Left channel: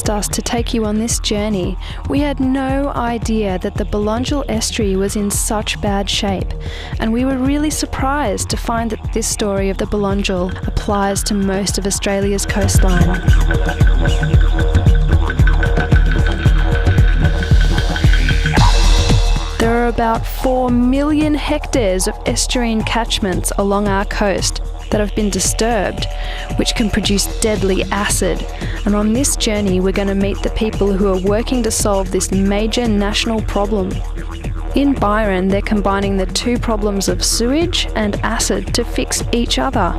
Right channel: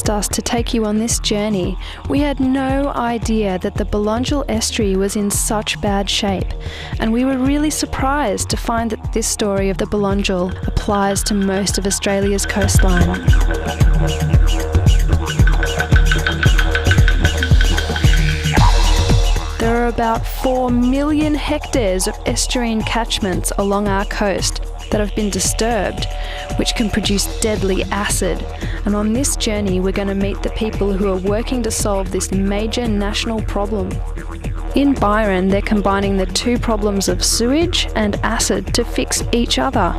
asked us to take you on this journey, we had no idea that the Belongil estuary was in such bad shape, and we were really surprised to find that this story of the Belongil applies to most of Australia's coastline. There are about 4 million hectares of estuarine catchments along our coast that have been disturbed, which can produce deadly acid. And on this journey, we're going to meet the people who are working to solve this major national problem. In Byron, they're combining the two problems of sewage and acid to fix each other.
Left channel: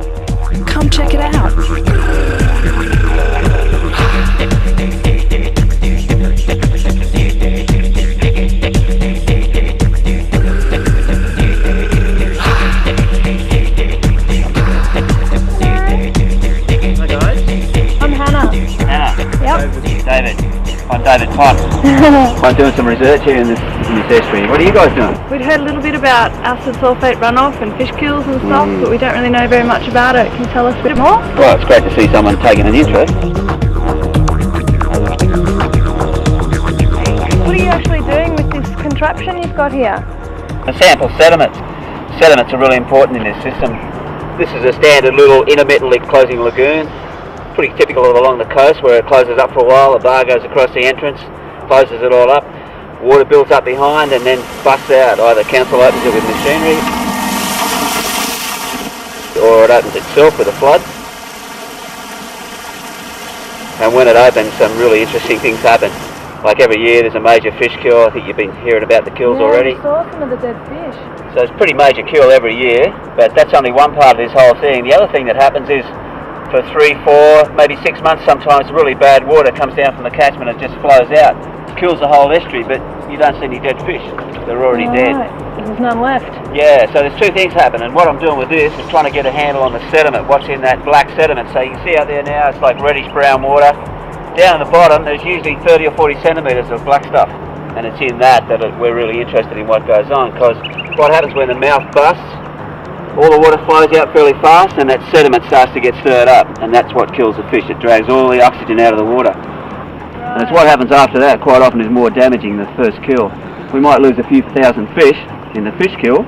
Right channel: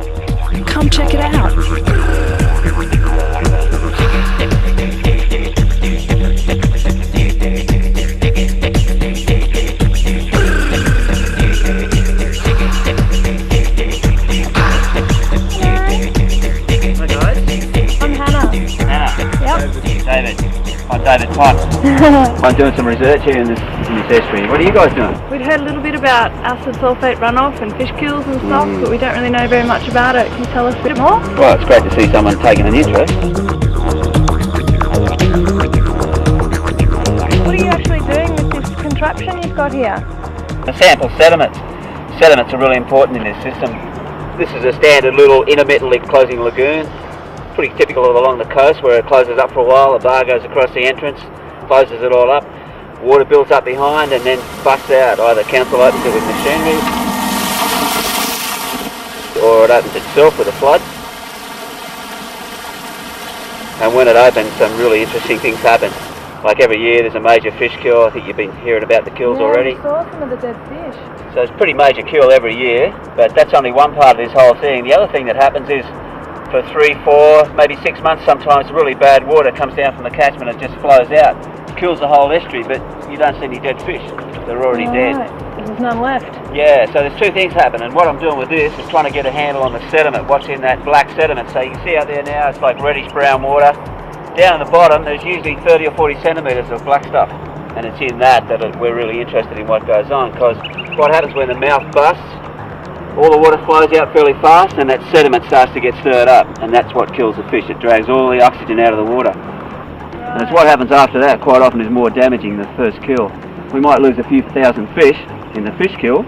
Come check it out. David. I'm David Potts. I'm doing some research here in this estuary. What are you guys doing? We'd heard a little bit about acid sulphate runoff and fish kills and stuff, but we don't really know very much about it. Can you tell us a bit more? Well, it's great to see someone taking an interest. What are you actually doing with this contraption you've got here? A sample sediments. Sediments are really important in this system. This is a standard little intermittently closing lagoon. Pretty typical of along the coast where it closes up for a while, the bar goes across the entrance, closes it all up, water builds up behind and then busts out. Either council opens it with machinery or it opens itself with a flood. And when it opens, some really interesting things happen. Like every year there's a major fish kill. I think you've been hearing about the kills already. I saw some of the dead fish. So it's a pretty major kill every year, but that's only one part of this whole thing. The other thing that happens is for 3, 4, maybe 6 months sometimes, really bad water comes down from the catchment and just flows out. Kills the whole estuary, but you don't see any dead fish. They're already dead. There's none left. Yeah, so there's two things happen, and what I'm doing with this is trying to get a handle on the sediment, what's in that black sediment. So you can see out there now, it's like reddish brown water. Down at the bottom, there's usually 30 or 40 centimetres of black stuff, and it's in that we're really interested in what goes on, because what happens when the mouth busts, all the water flows out fairly fast and that sediment starts to get stirred up, and that's what kills the fish. It drags all the oxygen out of the water. Right. And it's what happens after that quite often is more damaging than the first kill. We might lose a few thousand fish in the fish kill,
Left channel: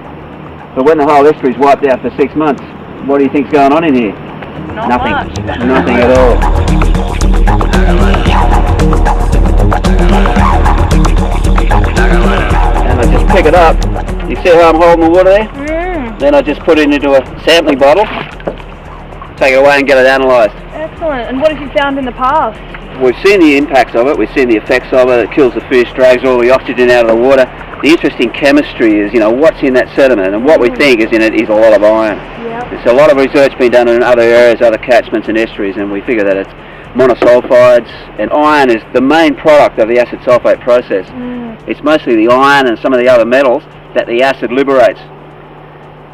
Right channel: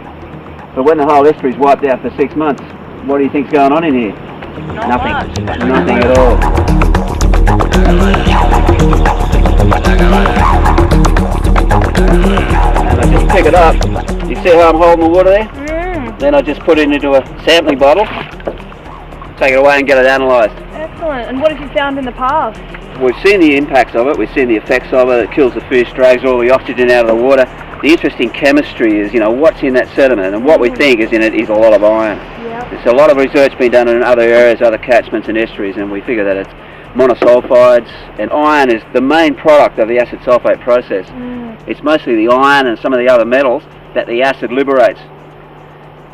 but when the whole estuary is wiped out for 6 months, what do you think's going on in here? Nothing. Nothing at all. And I just pick it up. You see how I'm holding the water there? Then I just put it into a sampling bottle, take it away and get it analysed. Excellent. And what have you found in the past? We've seen the impacts of it, we've seen the effects of it. It kills the fish, drags all the oxygen out of the water. The interesting chemistry is, what's in that sediment, and what we think is in it is a lot of iron. Yep. There's a lot of research being done in other areas, other catchments and estuaries, and we figure that it's monosulfides, and iron is the main product of the acid sulphate process. It's mostly the iron and some of the other metals that the acid liberates.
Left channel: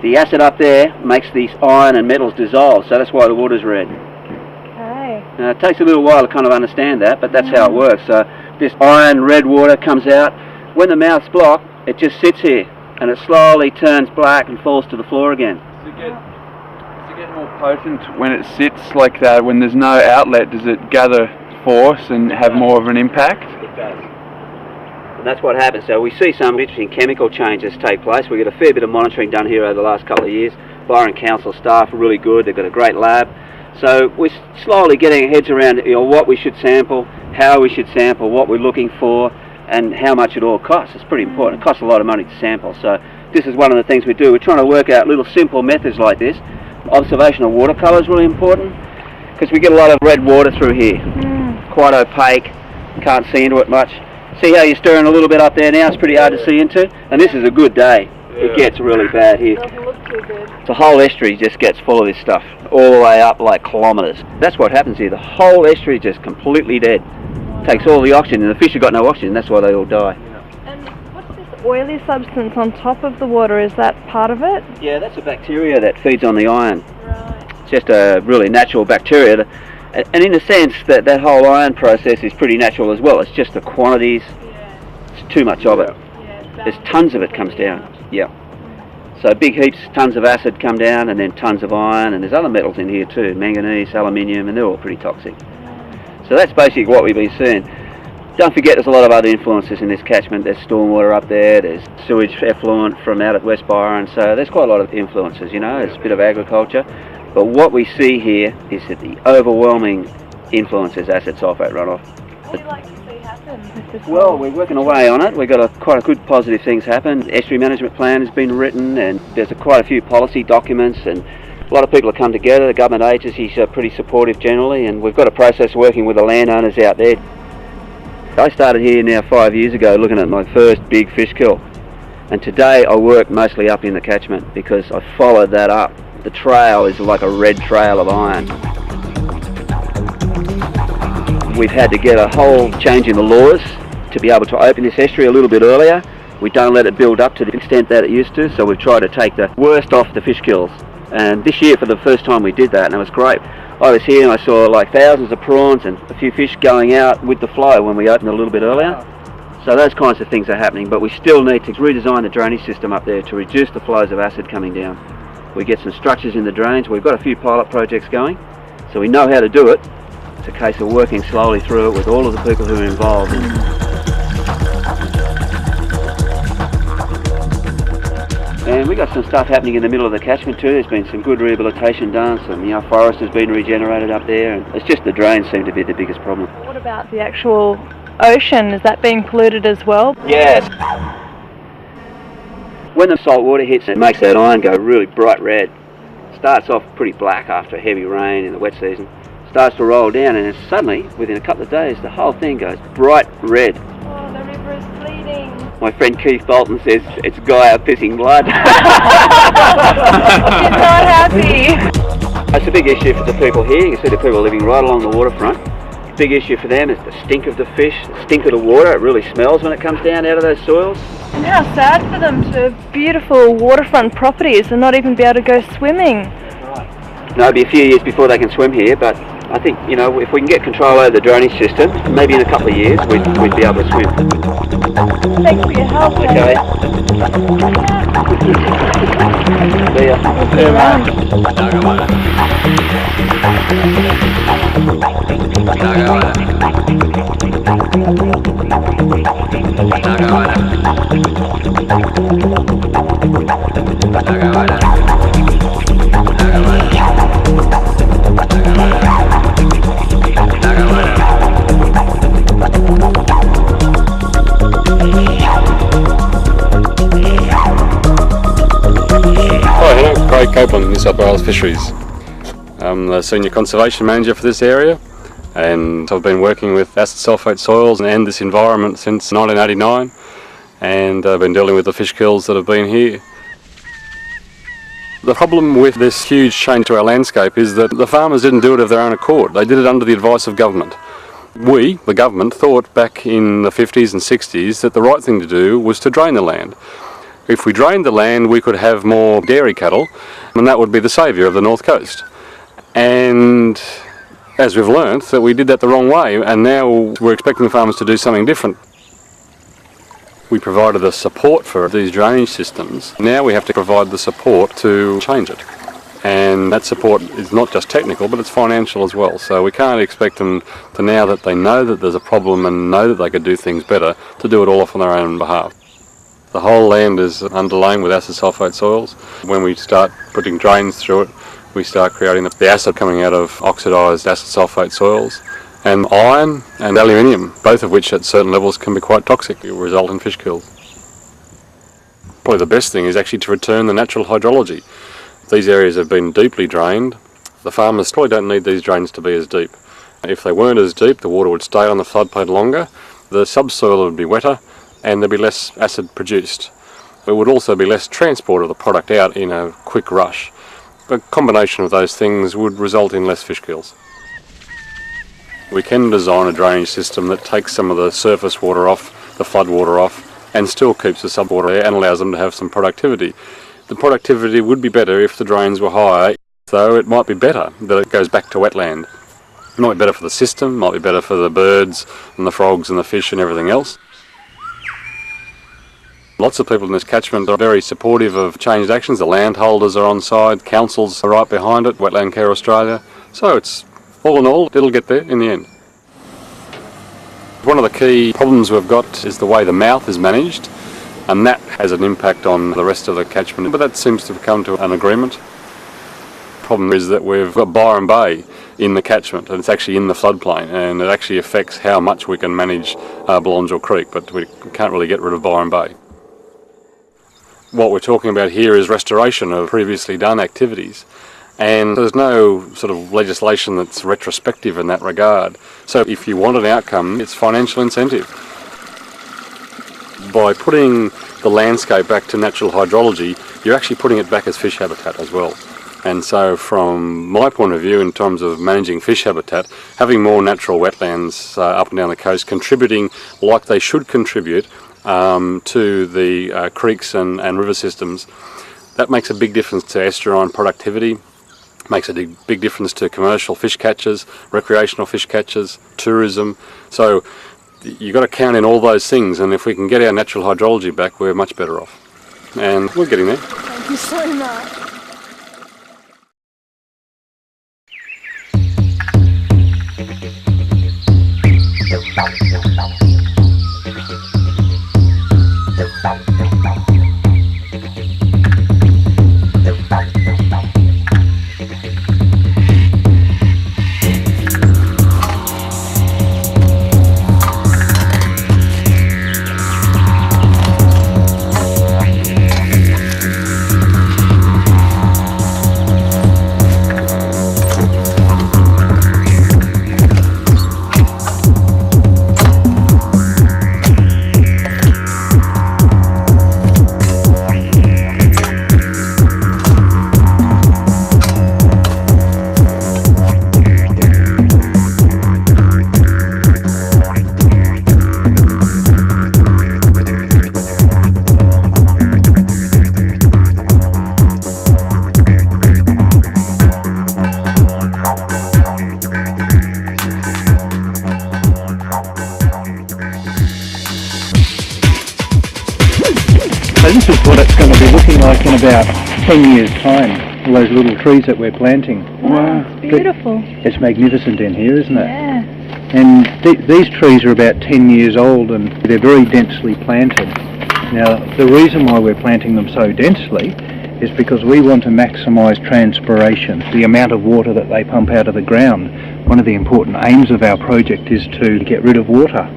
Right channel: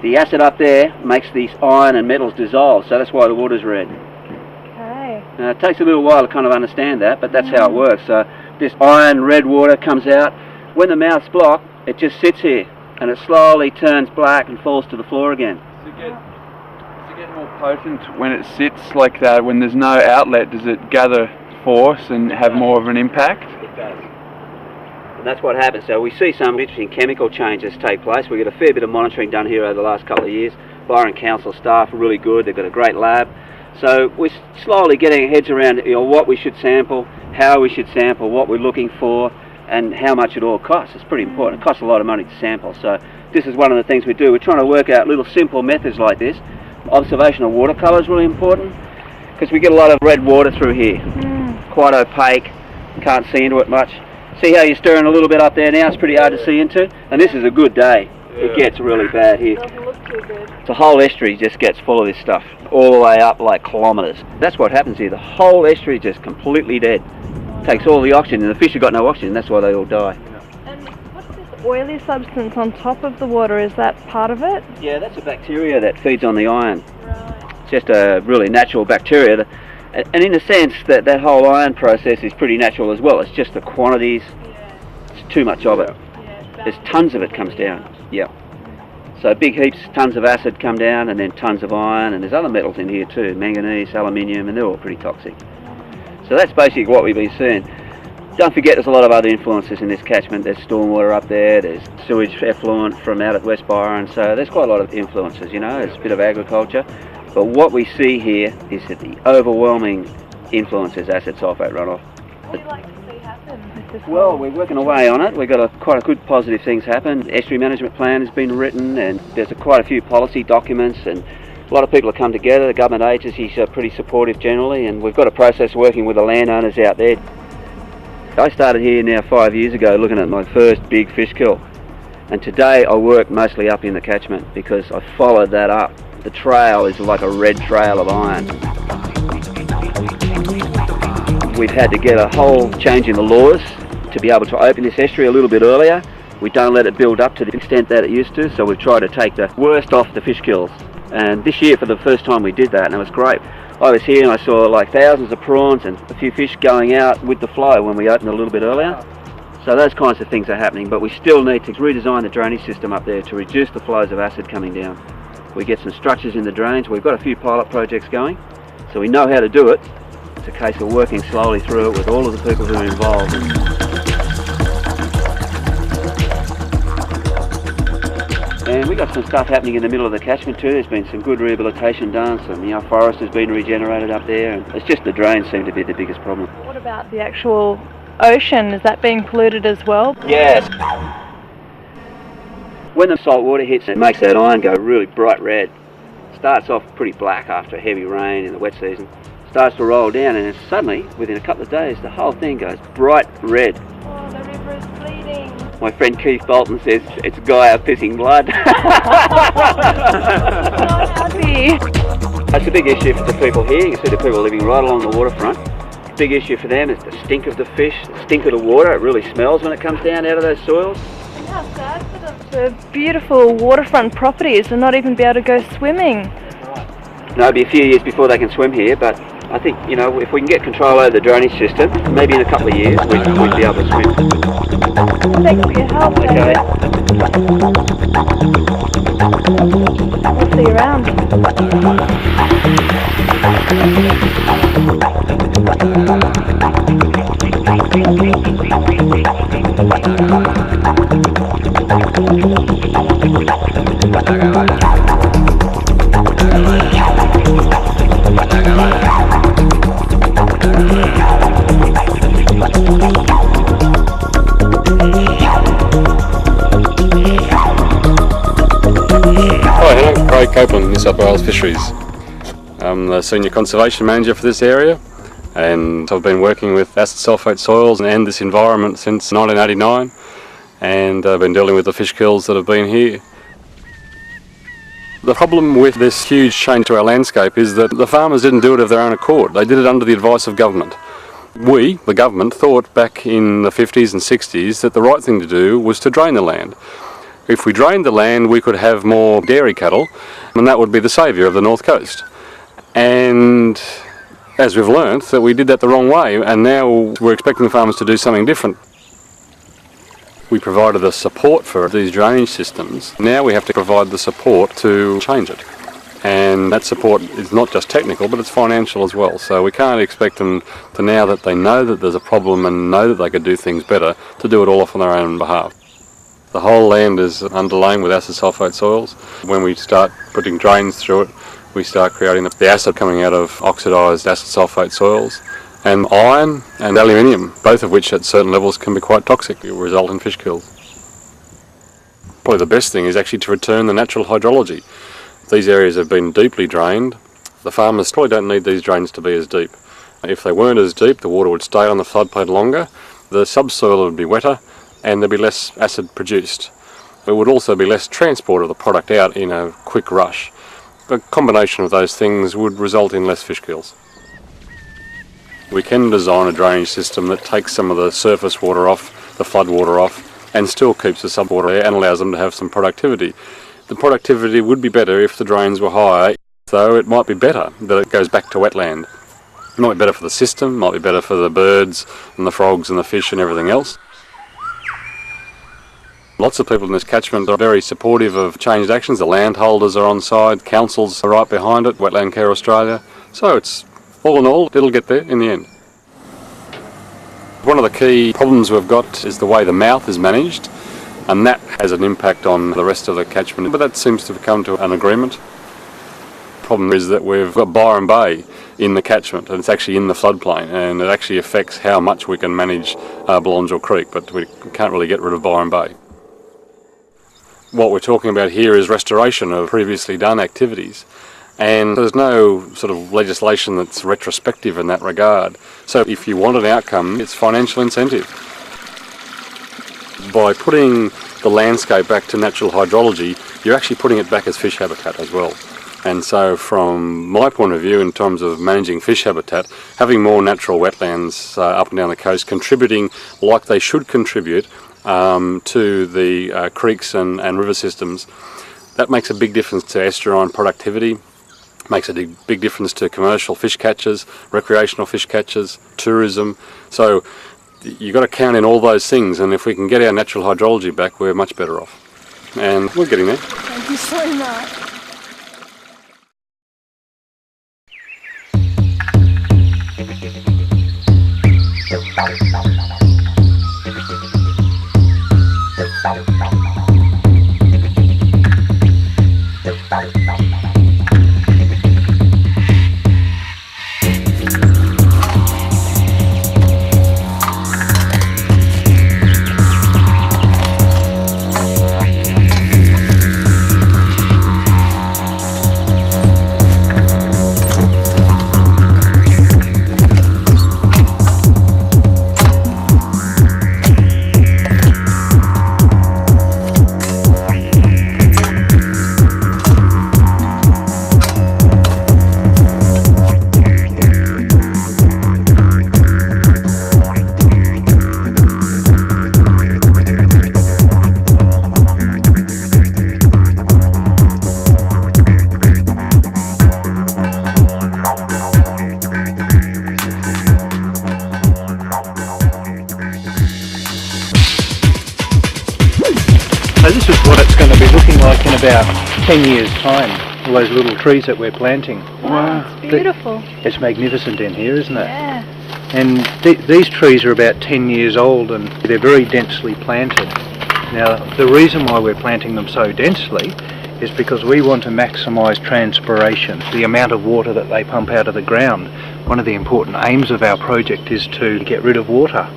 The acid up there makes these iron and metals dissolve, so that's why the water's red. Okay. Now, it takes a little while to kind of understand that, but that's how it works. So this iron red water comes out. When the mouth's blocked, it just sits here, and it slowly turns black and falls to the floor again. Does it get more potent when it sits like that, when there's no outlet? Does it gather force and have more of an impact? It does. And that's what happens. So we see some interesting chemical changes take place. We get a fair bit of monitoring done here over the last couple of years. Byron Council staff are really good. They've got a great lab. So we're slowly getting our heads around what we should sample, how we should sample, what we're looking for, and how much it all costs. It's pretty important. It costs a lot of money to sample. So this is one of the things we do. We're trying to work out little simple methods like this. Observation of watercolour is really important, because we get a lot of red water through here. Quite opaque, can't see into it much. See how you're stirring a little bit up there now? It's pretty hard to see into. And this is a good day. It gets really bad here. It doesn't look too good. The whole estuary just gets full of this stuff, all the way up like kilometres. That's what happens here. The whole estuary is just completely dead. Takes all the oxygen, and the fish have got no oxygen. That's why they all die. And what's this oily substance on top of the water? Is that part of it? Yeah, that's a bacteria that feeds on the iron. Right. It's just a really natural bacteria. And in a sense, that whole iron process is pretty natural as well. It's just the quantities. It's too much of it. There's tons of it comes down. Yeah. So big heaps, tons of acid come down, and then tons of iron, and there's other metals in here too, manganese, aluminium, and they're all pretty toxic. So that's basically what we've been seeing. Don't forget there's a lot of other influences in this catchment. There's stormwater up there, there's sewage effluent from out at West Byron, so there's quite a lot of influences, you know, there's a bit of agriculture. But what we see here is that the overwhelming influence is acid sulphate runoff. What would you like to see happen with this? Well, we're working away on it. We've got quite a good positive things happen. The estuary management plan has been written and there's quite a few policy documents, and a lot of people have come together. The government agencies are pretty supportive generally, and we've got a process working with the landowners out there. I started here now 5 years ago looking at my first big fish kill, and today I work mostly up in the catchment because I followed that up. The trail is like a red trail of iron. We've had to get a whole change in the laws to be able to open this estuary a little bit earlier. We don't let it build up to the extent that it used to, so we've tried to take the worst off the fish kills. And this year for the first time we did that, and it was great. I was here and I saw like thousands of prawns and a few fish going out with the flow when we opened it a little bit earlier. So those kinds of things are happening, but we still need to redesign the drainage system up there to reduce the flows of acid coming down. We get some structures in the drains. We've got a few pilot projects going, so we know how to do it. It's a case of working slowly through it with all of the people who are involved. And we got some stuff happening in the middle of the catchment too. There's been some good rehabilitation done, some forest has been regenerated up there, and it's just the drains seem to be the biggest problem. What about the actual ocean? Is that being polluted as well? Yes. When the salt water hits, it makes that iron go really bright red. It starts off pretty black after a heavy rain in the wet season. Starts to roll down, and then suddenly, within a couple of days, the whole thing goes bright red. Oh, the river is bleeding. My friend Keith Bolton says it's Gaia pissing blood. He's not happy. It's a big issue for the people here. You can see the people living right along the waterfront. Big issue for them is the stink of the fish, the stink of the water. It really smells when it comes down out of those soils. And how sad for them to have beautiful waterfront properties and not even be able to go swimming. No, it'll be a few years before they can swim here, but I think, you know, if we can get control over the drainage system, maybe in a couple of years we'd be able to swim. Thanks for your help. Okay. See ya. See you around. New South Wales Fisheries. I'm the Senior Conservation Manager for this area, and I've been working with acid sulphate soils and this environment since 1989, and I've been dealing with the fish kills that have been here. The problem with this huge change to our landscape is that the farmers didn't do it of their own accord. They did it under the advice of government. We, the government, thought back in the 50s and 60s that the right thing to do was to drain the land. If we drained the land, we could have more dairy cattle, and that would be the saviour of the North Coast. And as we've learnt, that we did that the wrong way, and now we're expecting the farmers to do something different. We provided the support for these drainage systems. Now we have to provide the support to change it. And that support is not just technical, but it's financial as well. So we can't expect them to, now that they know that there's a problem and know that they could do things better, to do it all off on their own behalf. The whole land is underlain with acid sulphate soils. When we start putting drains through it, we start creating the acid coming out of oxidised acid sulphate soils. And iron and aluminium, both of which at certain levels can be quite toxic, it will result in fish kills. Probably the best thing is actually to return the natural hydrology. These areas have been deeply drained. The farmers probably don't need these drains to be as deep. If they weren't as deep, the water would stay on the floodplain longer, the subsoil would be wetter, and there'd be less acid produced. There would also be less transport of the product out in a quick rush. A combination of those things would result in less fish kills. We can design a drainage system that takes some of the surface water off, the flood water off, and still keeps the subwater there and allows them to have some productivity. The productivity would be better if the drains were higher, though it might be better that it goes back to wetland. It might be better for the system, might be better for the birds and the frogs and the fish and everything else. Lots of people in this catchment are very supportive of changed actions. The landholders are on side, councils are right behind it, Wetland Care Australia. So it's, all in all, it'll get there in the end. One of the key problems we've got is the way the mouth is managed, and that has an impact on the rest of the catchment, but that seems to have come to an agreement. The problem is that we've got Byron Bay in the catchment, and it's actually in the floodplain, and it actually affects how much we can manage Belongil Creek, but we can't really get rid of Byron Bay. What we're talking about here is restoration of previously done activities, and there's no sort of legislation that's retrospective in that regard. So if you want an outcome, it's financial incentive. By putting the landscape back to natural hydrology, you're actually putting it back as fish habitat as well. And so from my point of view, in terms of managing fish habitat, having more natural wetlands up and down the coast contributing like they should contribute to the creeks and river systems, that makes a big difference to estuarine productivity, makes a big difference to commercial fish catchers, recreational fish catchers, tourism. So you've got to count in all those things, and if we can get our natural hydrology back, we're much better off. And we're getting there. Thank you so much. So this is what it's going to be looking like in about 10 years' time, all those little trees that we're planting. Wow, it's beautiful. It's magnificent in here, isn't it? Yeah. And these trees are about 10 years old and they're very densely planted. Now, the reason why we're planting them so densely is because we want to maximise transpiration, the amount of water that they pump out of the ground. One of the important aims of our project is to get rid of water.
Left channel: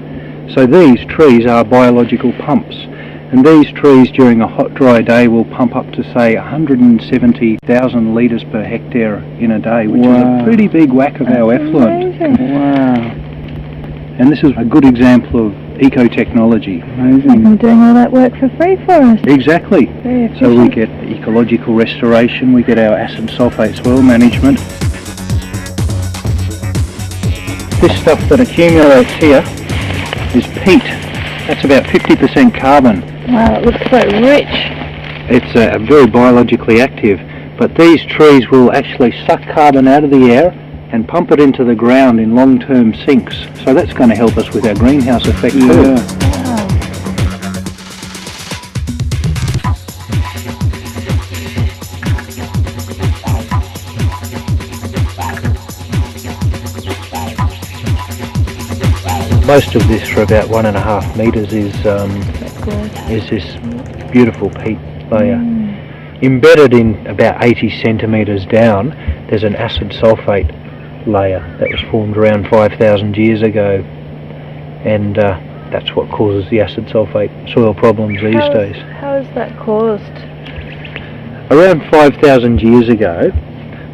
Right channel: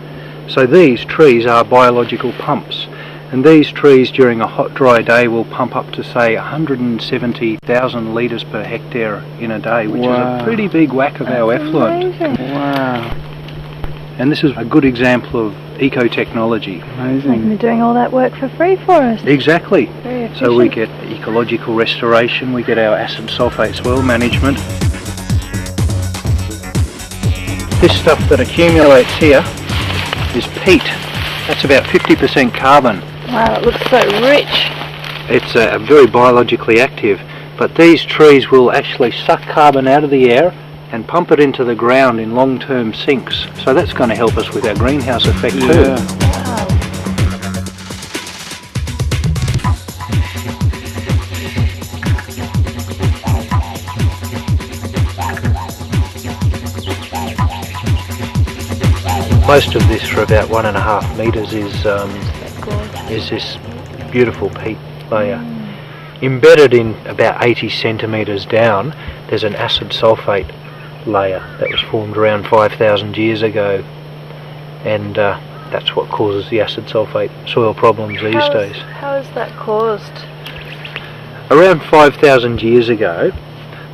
So these trees are biological pumps. And these trees during a hot, dry day will pump up to, say, 170,000 litres per hectare in a day, which is a pretty big whack of our effluent. Amazing. Wow. And this is a good example of eco-technology. Amazing. I'm doing all that work for free for us. Exactly. Very efficient. So we get ecological restoration, we get our acid sulphate soil management. This stuff that accumulates here is peat. That's about 50% carbon. Wow, it looks so rich. It's very biologically active, but these trees will actually suck carbon out of the air and pump it into the ground in long-term sinks. So that's going to help us with our greenhouse effect too. Wow. Most of this, for about 1.5 metres, is this beautiful peat layer. Embedded in about 80 centimetres down, there's an acid sulphate layer that was formed around 5,000 years ago, and that's what causes the acid sulphate soil problems these days. How is that caused? Around 5,000 years ago,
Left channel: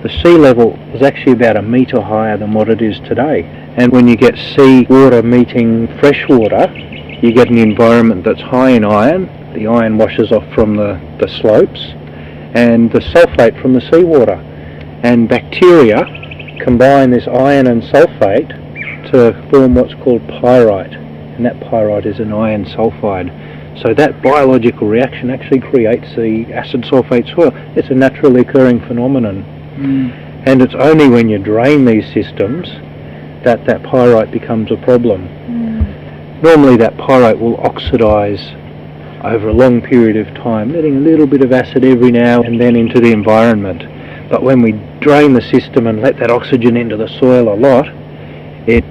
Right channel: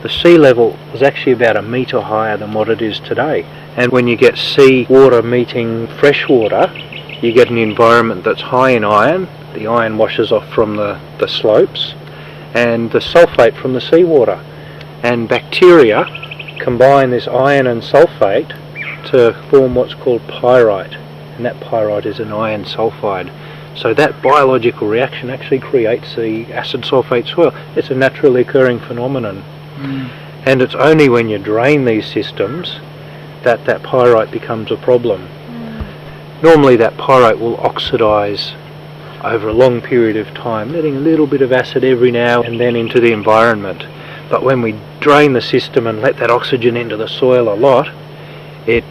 the sea level was actually about 1 metre higher than what it is today. And when you get sea water meeting fresh water, you get an environment that's high in iron. The iron washes off from the slopes, and the sulphate from the seawater. And bacteria combine this iron and sulphate to form what's called pyrite. And that pyrite is an iron sulphide. So that biological reaction actually creates the acid sulphate soil. It's a naturally occurring phenomenon. And it's only when you drain these systems that pyrite becomes a problem. Normally that pyrite will oxidise over a long period of time, letting a little bit of acid every now and then into the environment. But when we drain the system and let that oxygen into the soil a lot, it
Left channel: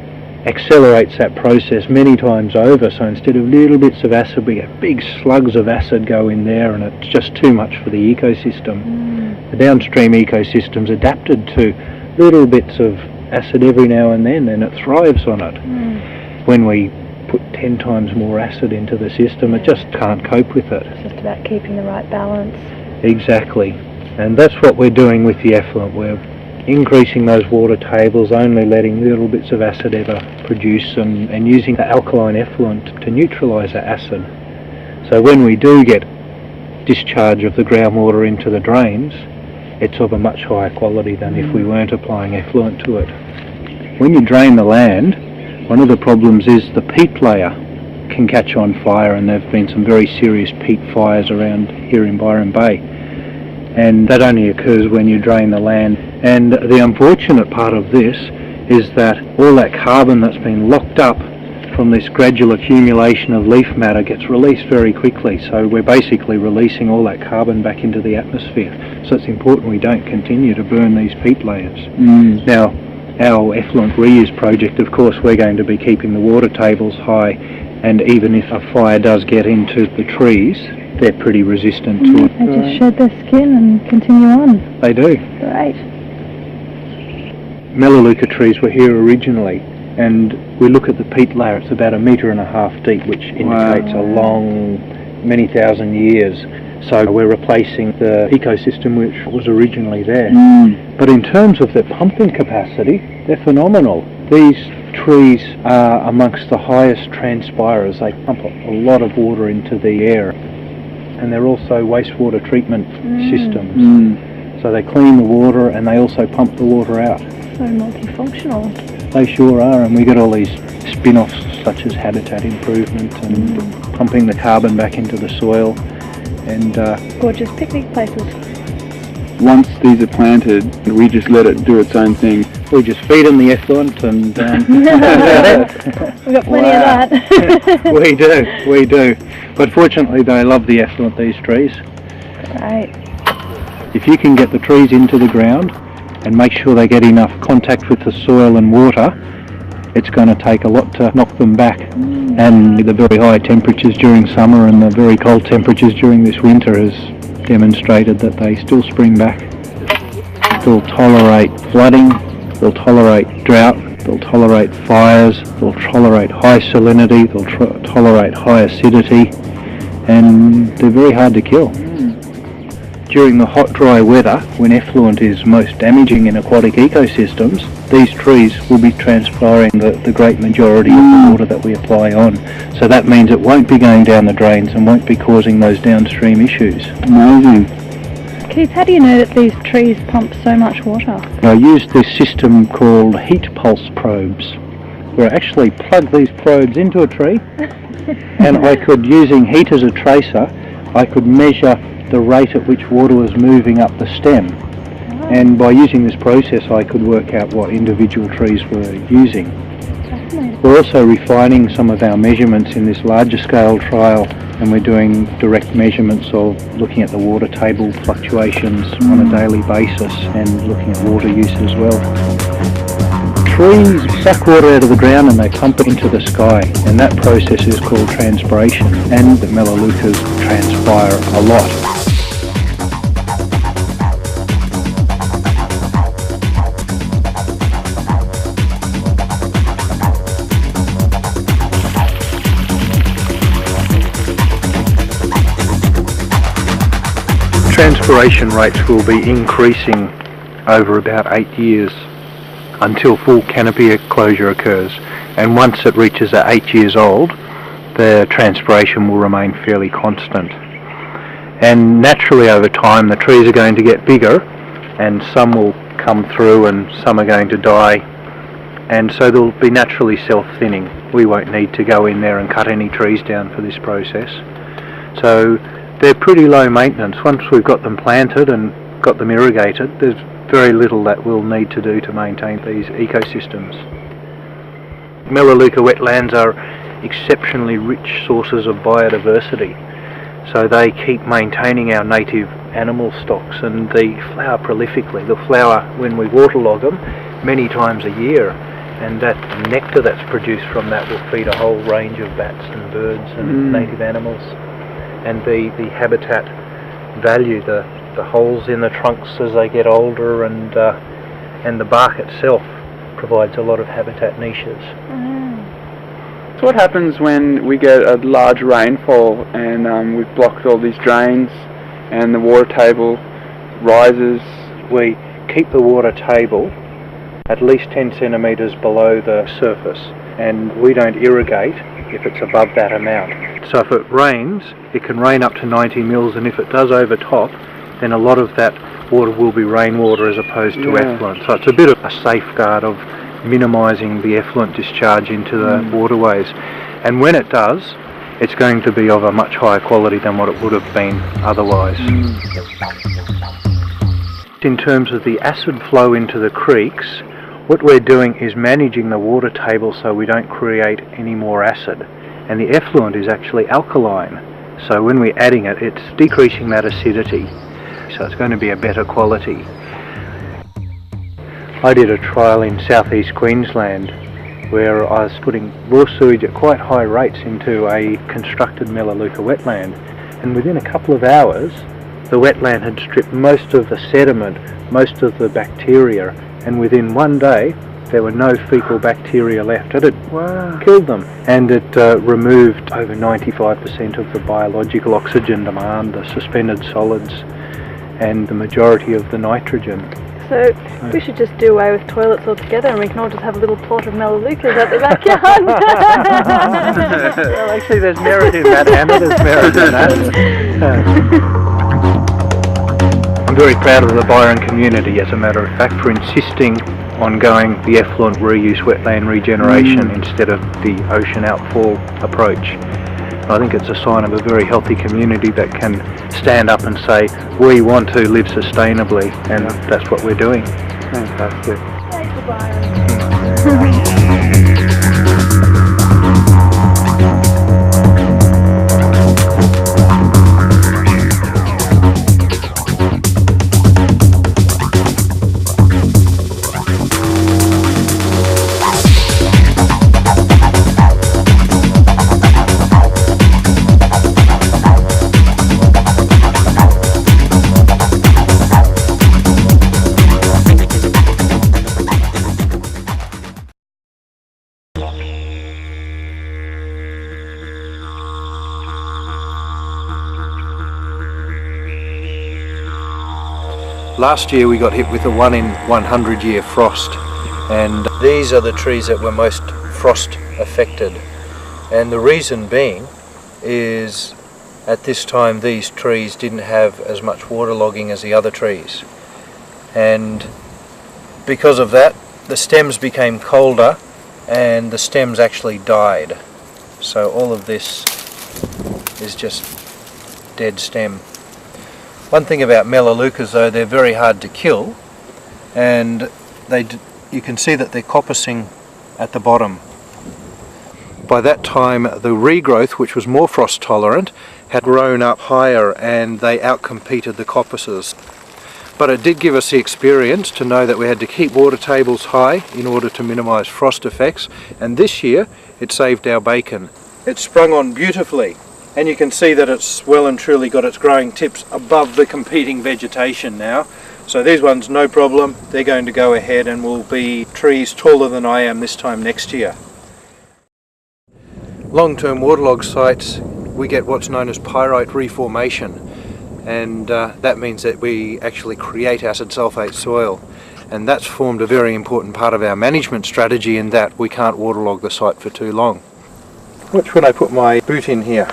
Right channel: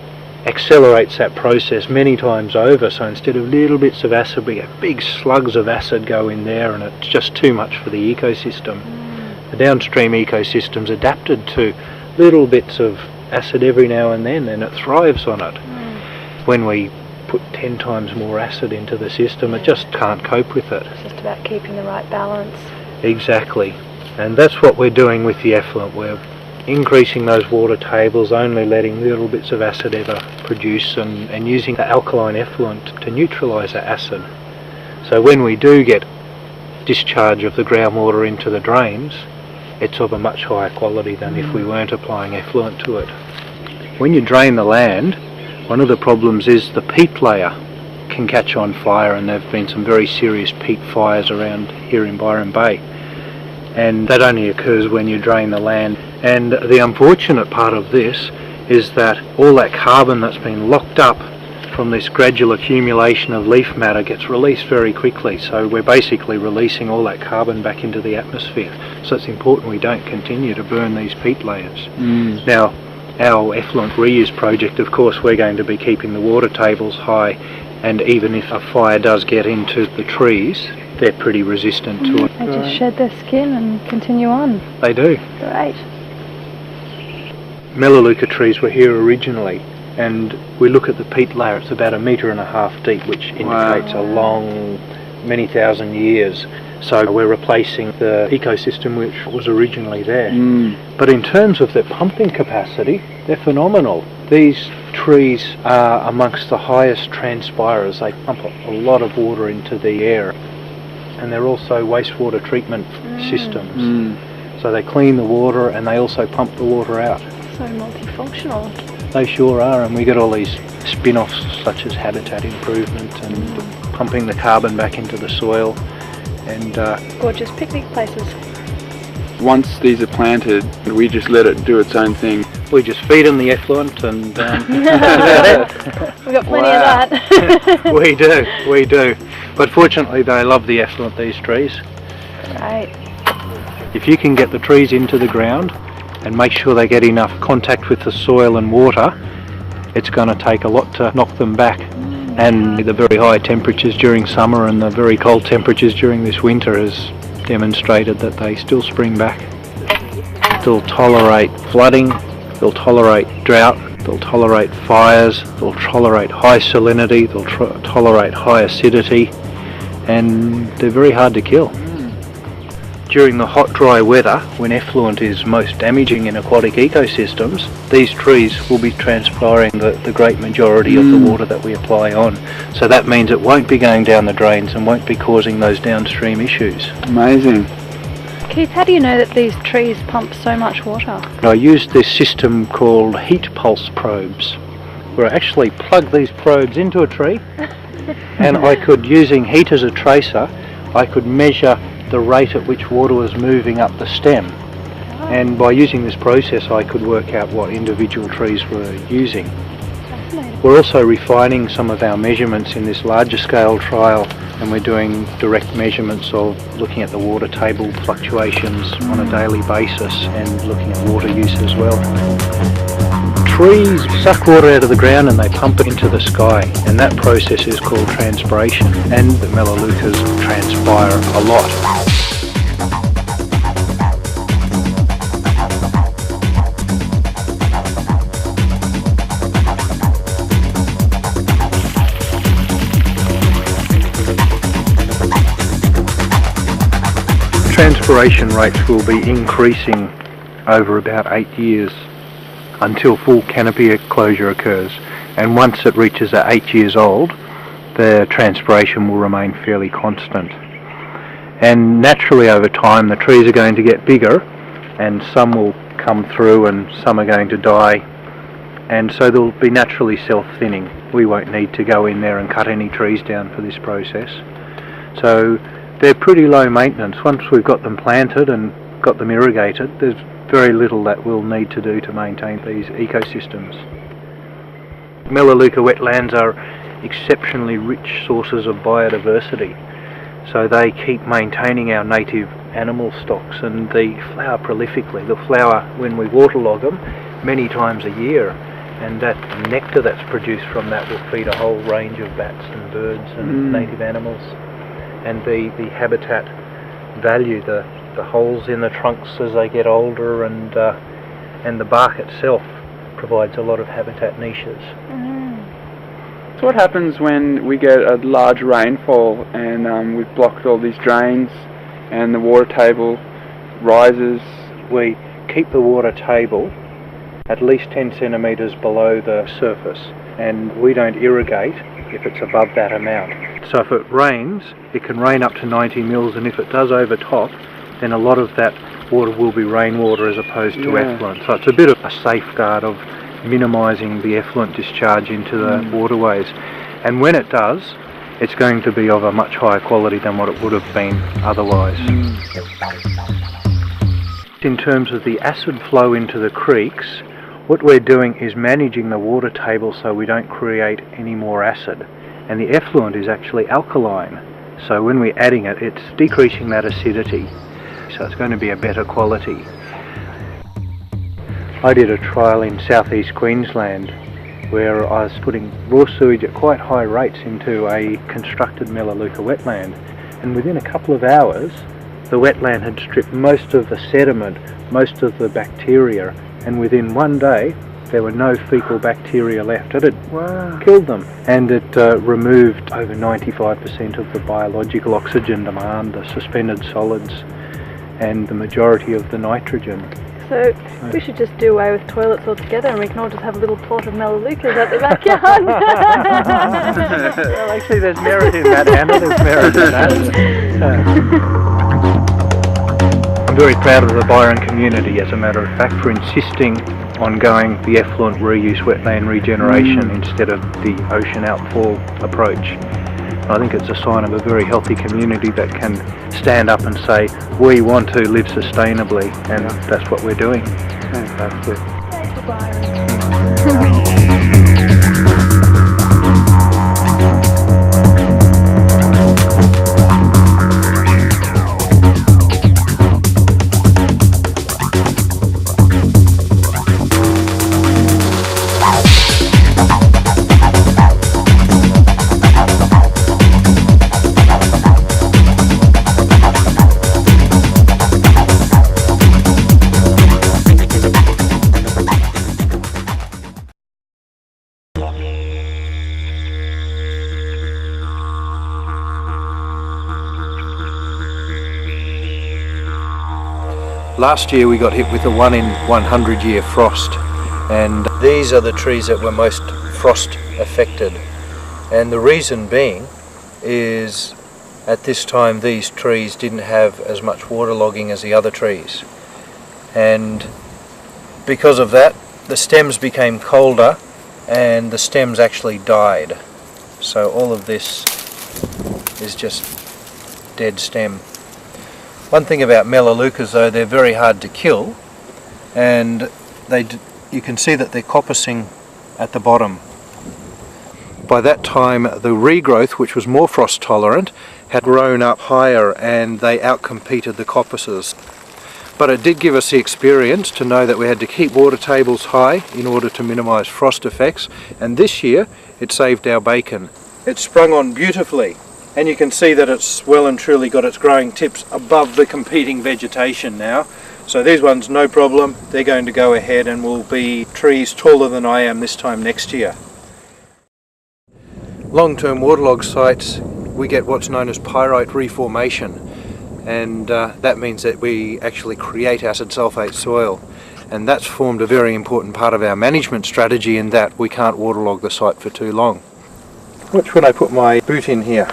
accelerates that process many times over. So instead of little bits of acid, we get big slugs of acid go in there, and it's just too much for the ecosystem. The downstream ecosystem's adapted to little bits of acid every now and then, and it thrives on it. When we put 10 times more acid into the system, it just can't cope with it. It's just about keeping the right balance. Exactly. And that's what we're doing with the effluent. We're increasing those water tables, only letting little bits of acid ever produce, and using the alkaline effluent to neutralise the acid. So when we do get discharge of the groundwater into the drains, it's of a much higher quality than if we weren't applying effluent to it. When you drain the land, one of the problems is the peat layer can catch on fire, and there have been some very serious peat fires around here in Byron Bay. And that only occurs when you drain the land. And the unfortunate part of this is that all that carbon that's been locked up from this gradual accumulation of leaf matter gets released very quickly. So we're basically releasing all that carbon back into the atmosphere. So it's important we don't continue to burn these peat layers. Now, our effluent reuse project, of course, we're going to be keeping the water tables high, and even if a fire does get into the trees, they're pretty resistant to it. They just shed their skin and continue on. They do. Great. Melaleuca trees were here originally, and we look at the peat layer, it's about 1.5 meters deep, which indicates a long, many thousand years. So we're replacing the ecosystem which was originally there. But in terms of their pumping capacity, they're phenomenal. These trees are amongst the highest transpirers. They pump a lot of water into the air. And they're also wastewater treatment systems. So they clean the water and they also pump the water out. So multifunctional. They sure are, and we get all these spin-offs such as habitat improvement and pumping the carbon back into the soil. And gorgeous picnic places. Once these are planted, we just let it do its own thing. We just feed them the effluent and We've got plenty of that. We do. But fortunately they love the effluent, these trees. Right. If you can get the trees into the ground and make sure they get enough contact with the soil and water, it's going to take a lot to knock them back. And the very high temperatures during summer and the very cold temperatures during this winter has demonstrated that they still spring back. They'll tolerate flooding, they'll tolerate drought, they'll tolerate fires, they'll tolerate high salinity, they'll tolerate high acidity, and they're very hard to kill. During the hot, dry weather, when effluent is most damaging in aquatic ecosystems, these trees will be transpiring the great majority of the water that we apply on. So that means it won't be going down the drains and won't be causing those downstream issues. Amazing. Keith, how do you know that these trees pump so much water? I used this system called heat pulse probes, where I actually plug these probes into a tree, and I could, using heat as a tracer, I could measure the rate at which water was moving up the stem. And by using this process I could work out what individual trees were using. We're also refining some of our measurements in this larger scale trial, and we're doing direct measurements of looking at the water table fluctuations on a daily basis and looking at water use as well. Trees suck water out of the ground and they pump it into the sky, and that process is called transpiration, and the melaleucas transpire a lot. Transpiration rates will be increasing over about 8 years until full canopy closure occurs, and once it reaches 8 years old, the transpiration will remain fairly constant. And naturally over time the trees are going to get bigger, and some will come through and some are going to die, and so they'll be naturally self-thinning. We won't need to go in there and cut any trees down for this process. So they're pretty low maintenance. Once we've got them planted and got them irrigated, there's very little that we'll need to do to maintain these ecosystems. Melaleuca wetlands are exceptionally rich sources of biodiversity, so they keep maintaining our native animal stocks, and they flower prolifically. They'll flower when we waterlog them many times a year, and that nectar that's produced from that will feed a whole range of bats and birds and native animals. And the habitat value, the holes in the trunks as they get older, and the bark itself provides a lot of habitat niches. So what happens when we get a large rainfall and we've blocked all these drains and the water table rises? We keep the water table at least 10 centimetres below the surface, and we don't irrigate if it's above that amount. So if it rains, it can rain up to 90 mils, and if it does overtop, then a lot of that water will be rainwater as opposed to effluent. So it's a bit of a safeguard of minimising the effluent discharge into the waterways. And when it does, it's going to be of a much higher quality than what it would have been otherwise. In terms of the acid flow into the creeks, what we're doing is managing the water table so we don't create any more acid. And the effluent is actually alkaline. So when we're adding it, it's decreasing that acidity. So it's going to be a better quality. I did a trial in southeast Queensland where I was putting raw sewage at quite high rates into a constructed Melaleuca wetland, and within a couple of hours the wetland had stripped most of the sediment, most of the bacteria, and within one day there were no fecal bacteria left. It had killed them, and it removed over 95% of the biological oxygen demand, the suspended solids, and the majority of the nitrogen. So we should just do away with toilets altogether, and we can all just have a little plot of Melaleucas at the backyard. Well, actually there's merit in that, Hannah, there's merit in that. I'm very proud of the Byron community, as a matter of fact, for insisting on going the effluent reuse wetland regeneration instead of the ocean outfall approach. I think it's a sign of a very healthy community that can stand up and say, we want to live sustainably, and that's what we're doing. Fantastic. Thank you, Byron. Last year we got hit with a 1 in 100 year frost, and these are the trees that were most frost affected. And the reason being is at this time these trees didn't have as much waterlogging as the other trees. And because of that, the stems became colder and the stems actually died. So all of this is just dead stem. One thing about Melaleucas though, they're very hard to kill, and you can see that they're coppicing at the bottom. By that time the regrowth, which was more frost tolerant, had grown up higher and they outcompeted the coppices. But it did give us the experience to know that we had to keep water tables high in order to minimise frost effects, and this year it saved our bacon. It sprung on beautifully. And you can see that it's well and truly got its growing tips above the competing vegetation now. So these ones, no problem, they're going to go ahead and will be trees taller than I am this time next year. Long-term waterlog sites, we get what's known as pyrite reformation, and that means that we actually create acid sulphate soil, and that's formed a very important part of our management strategy in that we can't waterlog the site for too long. Watch when I put my boot in here.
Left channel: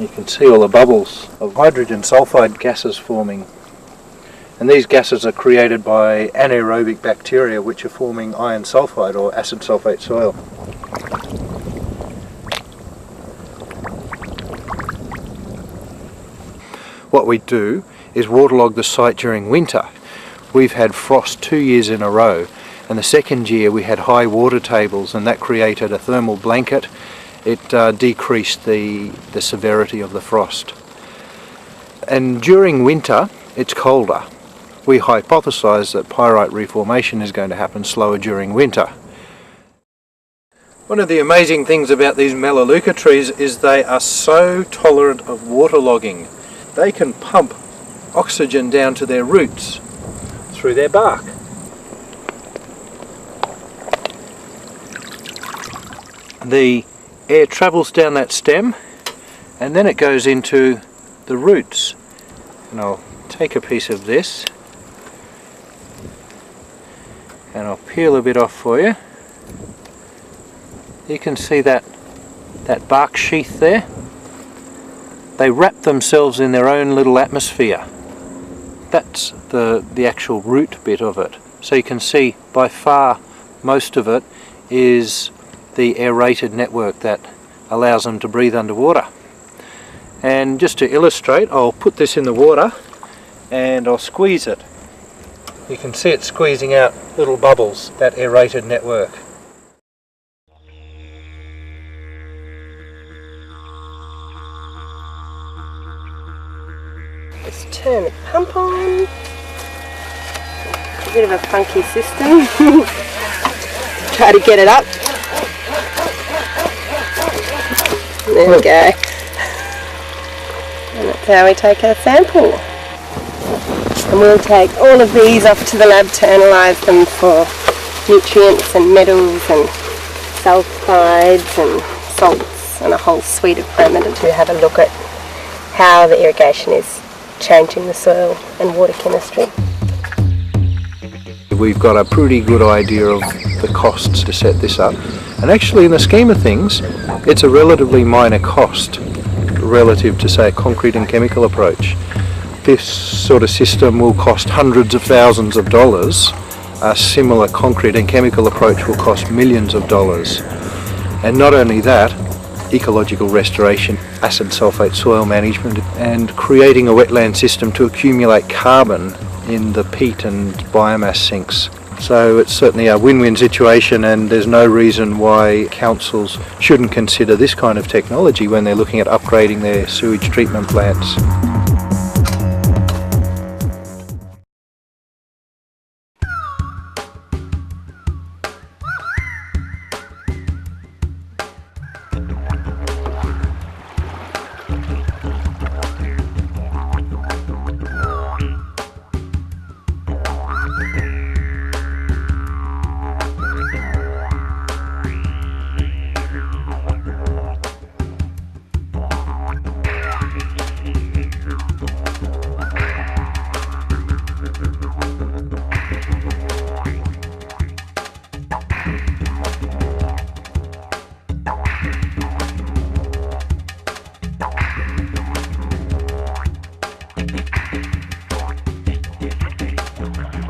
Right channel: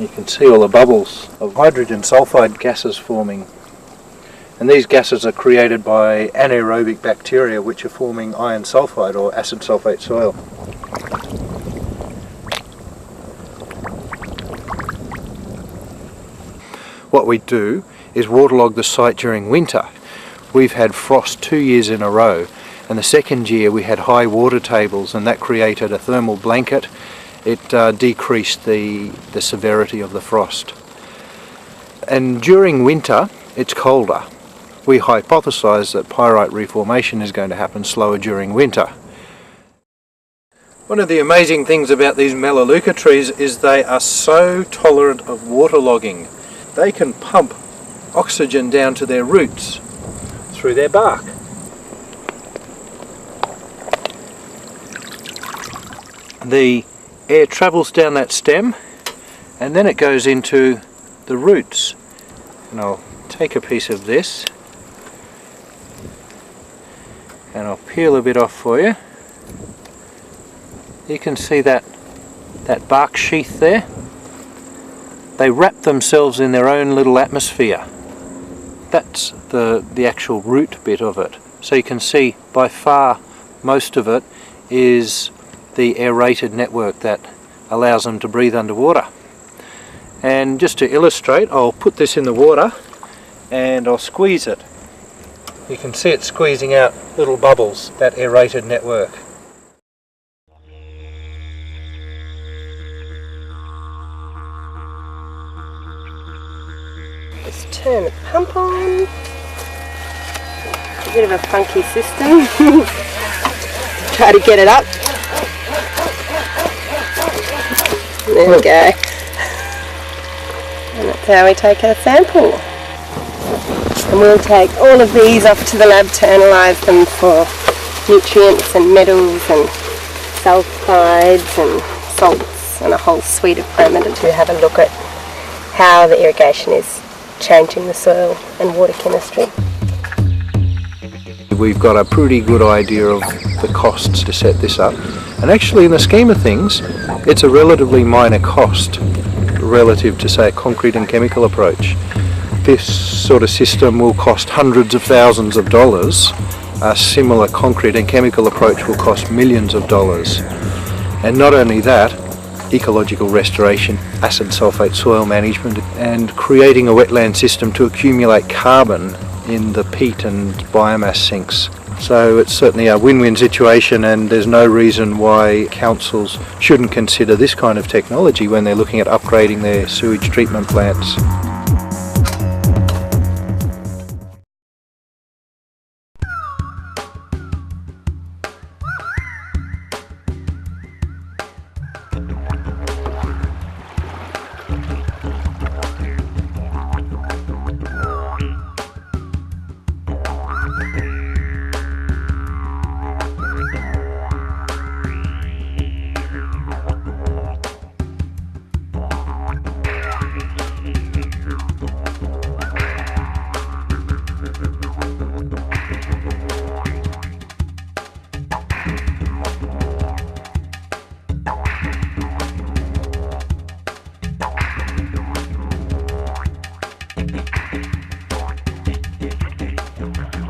You can see all the bubbles of hydrogen sulfide gases forming, and these gases are created by anaerobic bacteria which are forming iron sulfide or acid sulphate soil. What we do is waterlog the site during winter. We've had frost 2 years in a row, and the second year we had high water tables, and that created a thermal blanket. It decreased the severity of the frost. And during winter it's colder, we hypothesise that pyrite reformation is going to happen slower during winter. One of the amazing things about these Melaleuca trees is they are so tolerant of waterlogging. They can pump oxygen down to their roots through their bark. The air travels down that stem and then it goes into the roots. And I'll take a piece of this and I'll peel a bit off for you. You can see that bark sheath there. They wrap themselves in their own little atmosphere. That's the actual root bit of it. So you can see by far most of it is the aerated network that allows them to breathe underwater. And just to illustrate, I'll put this in the water and I'll squeeze it. You can see it squeezing out little bubbles, that aerated network. Just turn the pump on. A bit of a funky system. Try to get it up. There we go. And that's how we take our sample. And we'll take all of these off to the lab to analyse them for nutrients and metals and sulphides and salts and a whole suite of parameters to have a look at how the irrigation is changing the soil and water chemistry. We've got a pretty good idea of the costs to set this up, and actually in the scheme of things it's a relatively minor cost relative to, say, a concrete and chemical approach. This sort of system will cost hundreds of thousands of dollars. A similar concrete and chemical approach will cost millions of dollars. And not only that, ecological restoration, acid sulphate soil management, and creating a wetland system to accumulate carbon in the peat and biomass sinks. So it's certainly a win-win situation, and there's no reason why councils shouldn't consider this kind of technology when they're looking at upgrading their sewage treatment plants.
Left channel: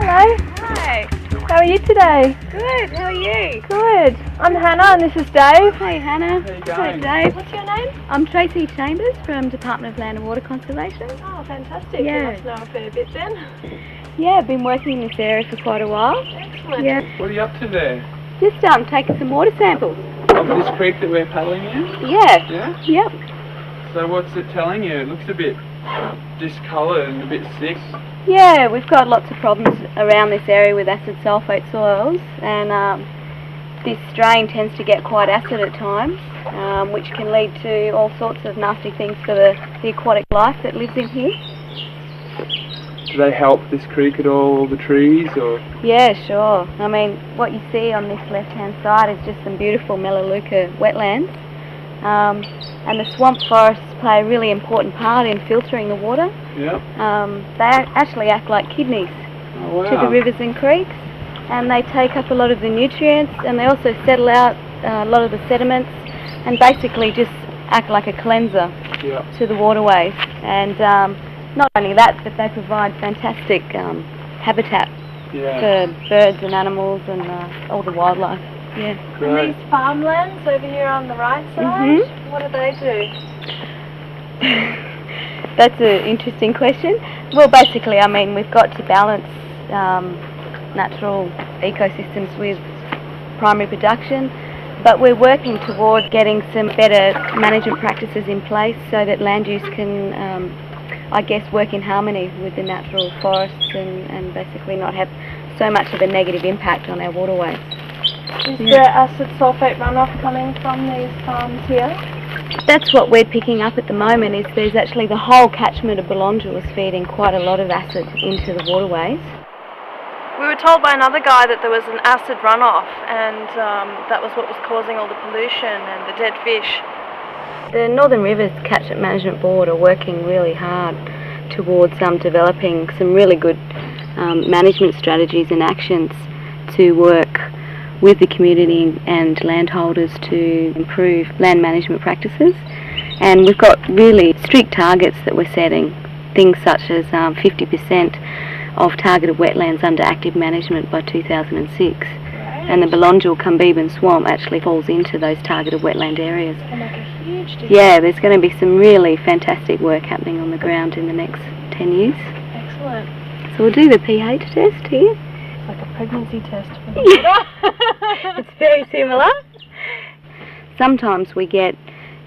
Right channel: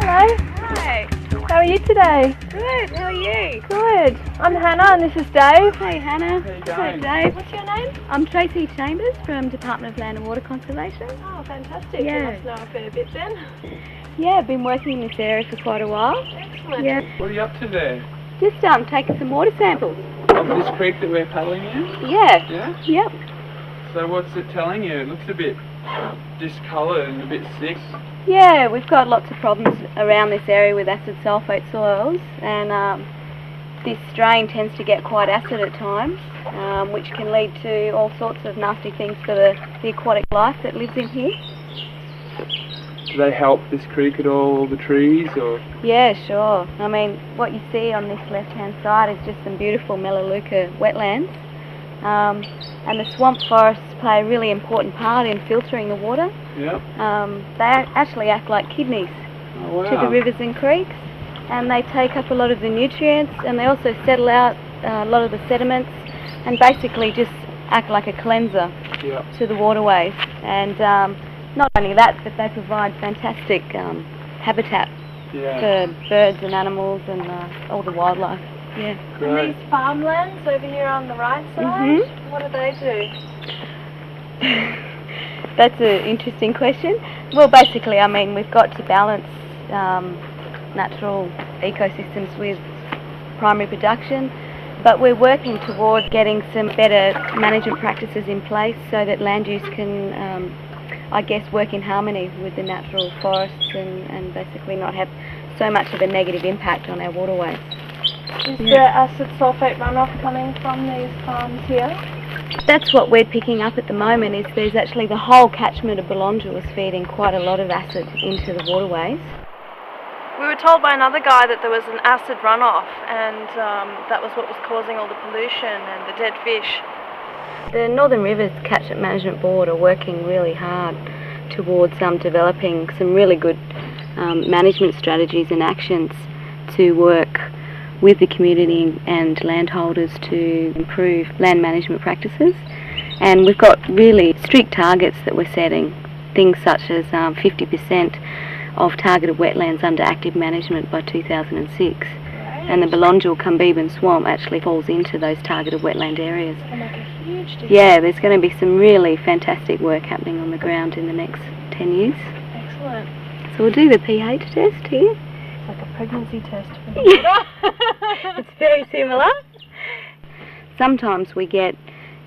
Hello. Hi. How are you today? Good. How are you? Good. I'm Hannah and this is Dave. Hey Hannah. How you going? Dave. What's your name? I'm Tracy Chambers from Department of Land and Water Conservation. Oh, fantastic. Yeah. You must know a fair bit then. Yeah, I've been working in this area for quite a while. Excellent. Yeah. What are you up to there? Just taking some water samples. Of this creek that we're paddling in? Yeah. Yeah? Yep. So what's it telling you? It looks a bit discoloured and a bit sick. Yeah, we've got lots of problems around this area with acid sulphate soils, and this drain tends to get quite acid at times, which can lead to all sorts of nasty things for the aquatic life that lives in here. Do they help this creek at all, the trees, or? Yeah, sure. I mean, what you see on this left-hand side is just some beautiful Melaleuca wetlands, and the swamp forests play a really important part in filtering the water. Yeah. They actually act like kidneys to the rivers and creeks, and they take up a lot of the nutrients, and they also settle out a lot of the sediments and basically just act like a cleanser to the waterways. And not only that, but they provide fantastic habitat for birds and animals and all the wildlife. Yeah. And these farmlands over here on the right side, what do they do? That's an interesting question. Well, basically, I mean, we've got to balance natural ecosystems with primary production, but we're working towards getting some better management practices in place so that land use can I guess, work in harmony with the natural forests and basically not have so much of a negative impact on our waterways. Is there acid sulphate runoff coming from these farms here? That's what we're picking up at the moment, is there's actually the whole catchment of Belongil is feeding quite a lot of acid into the waterways. We were told by another guy that there was an acid runoff and that was what was causing all the pollution and the dead fish. The Northern Rivers Catchment Management Board are working really hard towards developing some really good management strategies and actions to work with the community and landholders to improve land management practices. And we've got really strict targets that we're setting, things such as 50% of targeted wetlands under active management by 2006. And the Belongil Cumbeban Swamp actually falls into those targeted wetland areas. Can make a huge difference. Yeah, there's going to be some really fantastic work happening on the ground in the next 10 years. Excellent. So we'll do the pH test here. It's like a pregnancy test for the water. It's very similar. Sometimes we get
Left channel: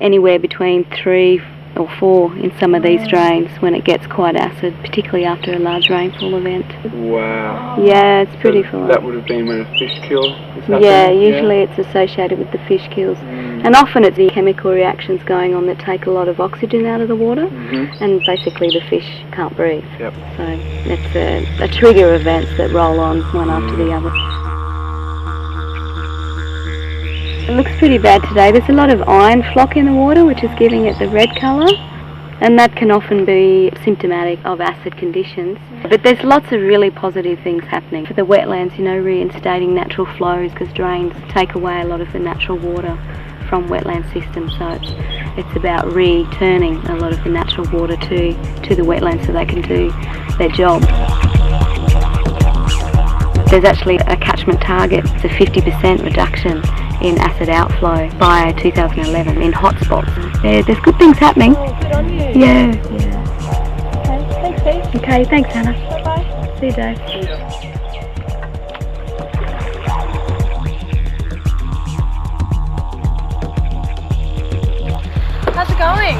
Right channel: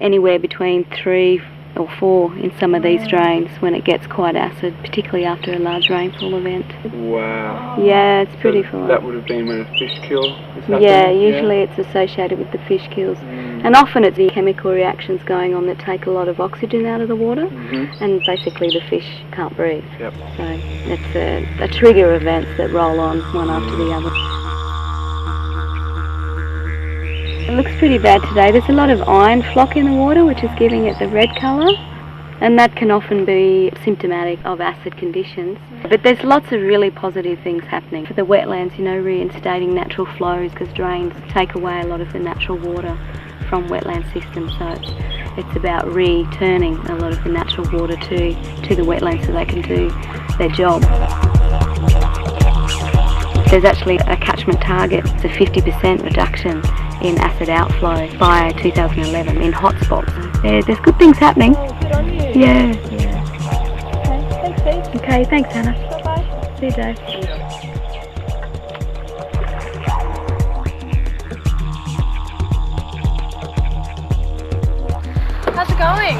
anywhere between 3 or 4 in some of these drains when it gets quite acid, particularly after a large rainfall event. Wow. Yeah, it's pretty full. That would have been when a fish kill is happening? Yeah, usually it's associated with the fish kills. And often it's the chemical reactions going on that take a lot of oxygen out of the water, and basically the fish can't breathe. Yep. So it's a trigger of events that roll on one after the other. It looks pretty bad today. There's a lot of iron flock in the water, which is giving it the red colour, and that can often be symptomatic of acid conditions. But there's lots of really positive things happening. For the wetlands, reinstating natural flows, because drains take away a lot of the natural water from wetland systems, so it's about returning a lot of the natural water to the wetlands so they can do their job. There's actually a catchment target. It's a 50% reduction in acid outflow by 2011 in hotspots. There's good things happening. Oh, good on you. Yeah. Okay, thanks, Steve. Okay, thanks, Hannah. Bye-bye. See you, Dave. How's it going?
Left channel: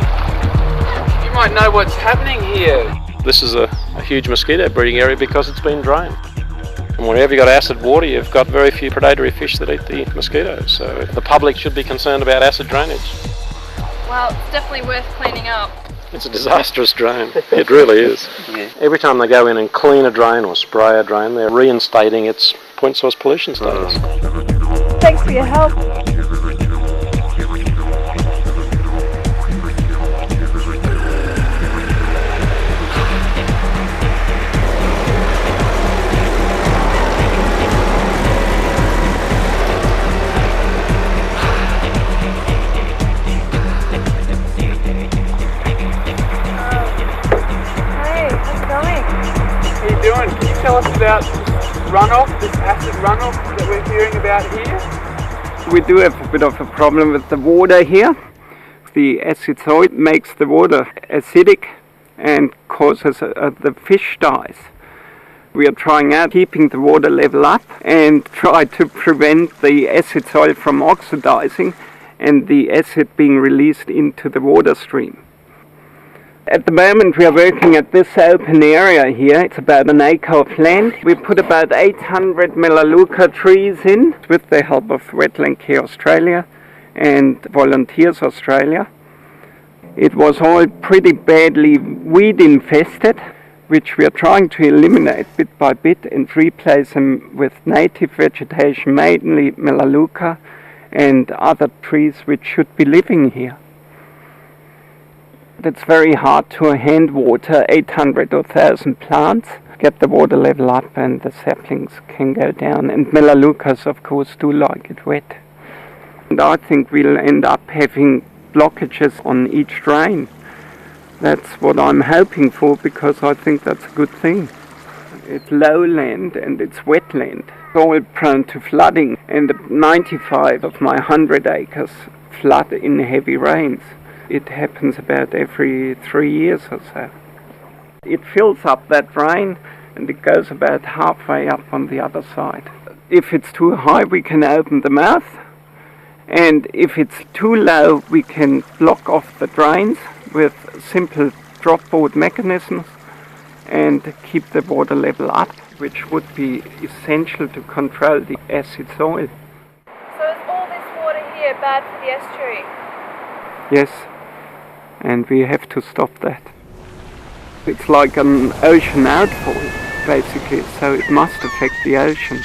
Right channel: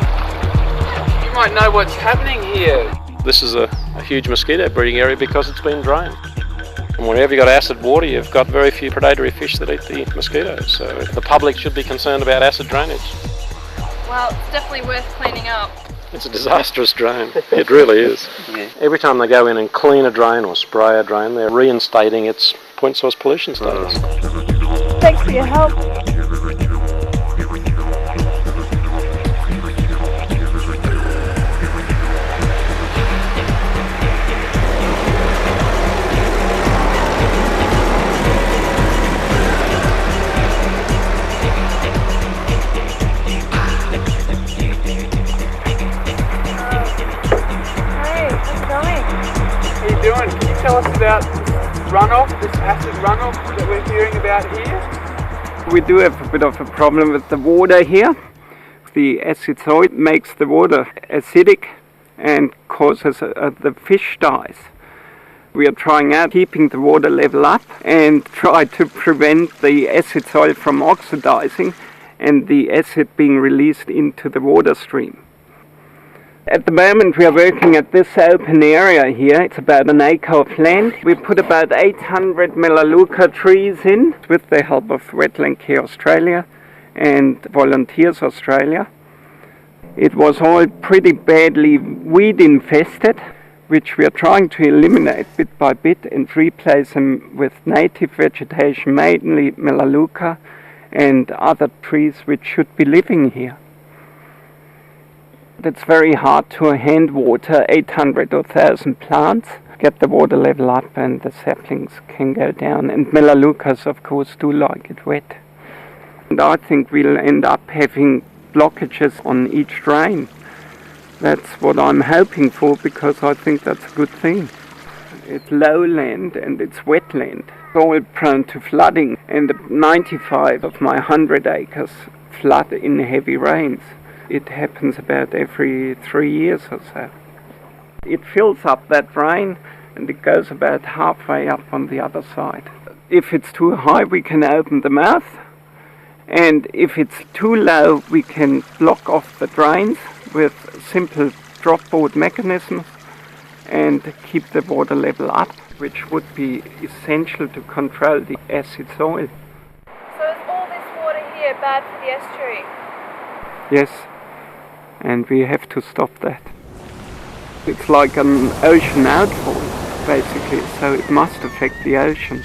You might know what's happening here. This is a huge mosquito breeding area because it's been drained. And whenever you've got acid water, you've got very few predatory fish that eat the mosquitoes. So the public should be concerned about acid drainage. Well, it's definitely worth cleaning up. It's a disastrous drain. It really is. Yeah. Every time they go in and clean a drain or spray a drain, they're reinstating its point source pollution status. Thanks for your help. Can you tell us about runoff, this acid runoff that we're hearing about here? We do have a bit of a problem with the water here. The acid soil makes the water acidic and causes the fish dies. We are trying out keeping the water level up and try to prevent the acid soil from oxidizing and the acid being released into the water stream. At the moment we are working at this open area here. It's about an acre of land. We put about 800 Melaleuca trees in with the help of Wetland Care Australia and Volunteers Australia. It was all pretty badly weed infested, which we are trying to eliminate bit by bit and replace them with native vegetation, mainly Melaleuca and other trees which should be living here. It's very hard to hand water 800 or 1,000 plants, get the water level up and the saplings can go down. And Melaleucas, of course, do like it wet. And I think we'll end up having blockages on each drain. That's what I'm hoping for, because I think that's a good thing. It's lowland and it's wetland. It's all prone to flooding, and 95 of my 100 acres flood in heavy rains. It happens about every 3 years or so. It fills up that drain and it goes about halfway up on the other side. If it's too high, we can open the mouth, and if it's too low, we can block off the drains with simple drop board mechanisms and keep the water level up, which would be essential to control the acid soil. So is all this water here bad for the estuary? Yes, and we have to stop that. It's like an ocean outfall, basically, so it must affect the ocean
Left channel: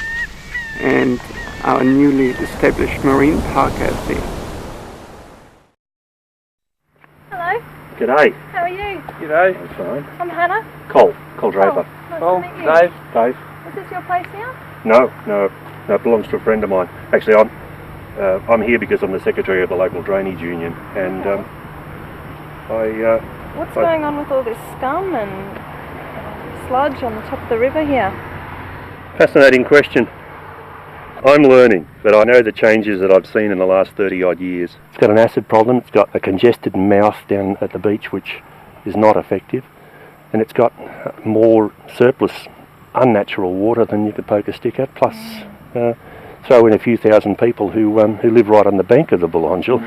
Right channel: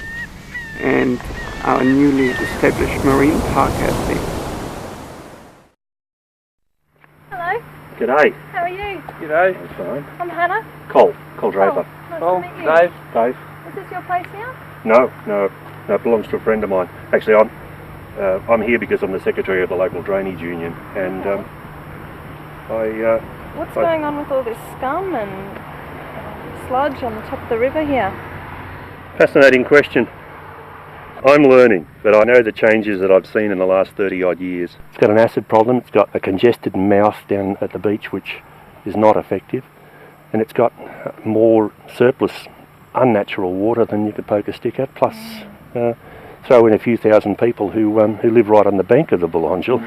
and our newly established marine park out there. Hello. G'day. How are you? G'day. I'm fine. I'm Hannah. Cole Draper. Nice to meet you. Dave. Is this your place here? No, it belongs to a friend of mine. Actually, I'm here because I'm the secretary of the local drainage union, and What's going on with all this scum and sludge on the top of the river here? Fascinating question. I'm learning, but I know the changes that I've seen in the last 30 odd years. It's got an acid problem, it's got a congested mouth down at the beach which is not effective, and it's got more surplus unnatural water than you could poke a stick at, plus throw in a few thousand people who live right on the bank of the Belongil.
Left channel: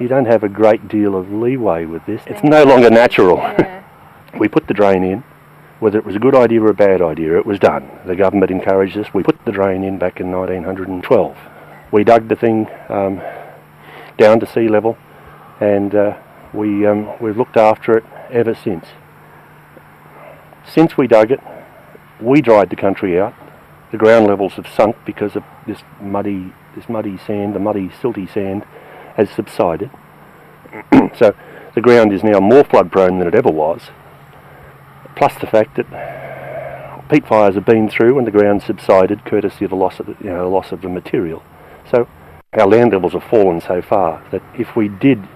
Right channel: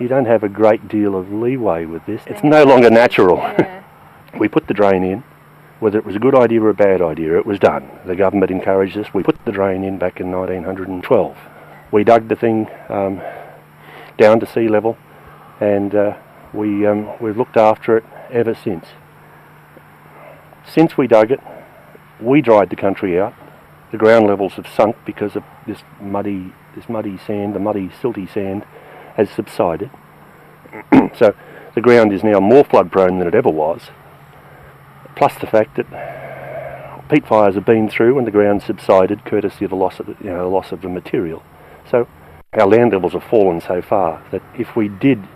You don't have a great deal of leeway with this. It's no longer natural. Yeah. We put the drain in. Whether it was a good idea or a bad idea, it was done. The government encouraged us. We put the drain in back in 1912. We dug the thing down to sea level, and we've looked after it ever since. Since we dug it, we dried the country out. The ground levels have sunk because of this muddy sand, the muddy silty sand has subsided. So the ground is now more flood prone than it ever was. Plus the fact that peat fires have been through and the ground subsided courtesy of the loss of the material. So our land levels have fallen so far that if we did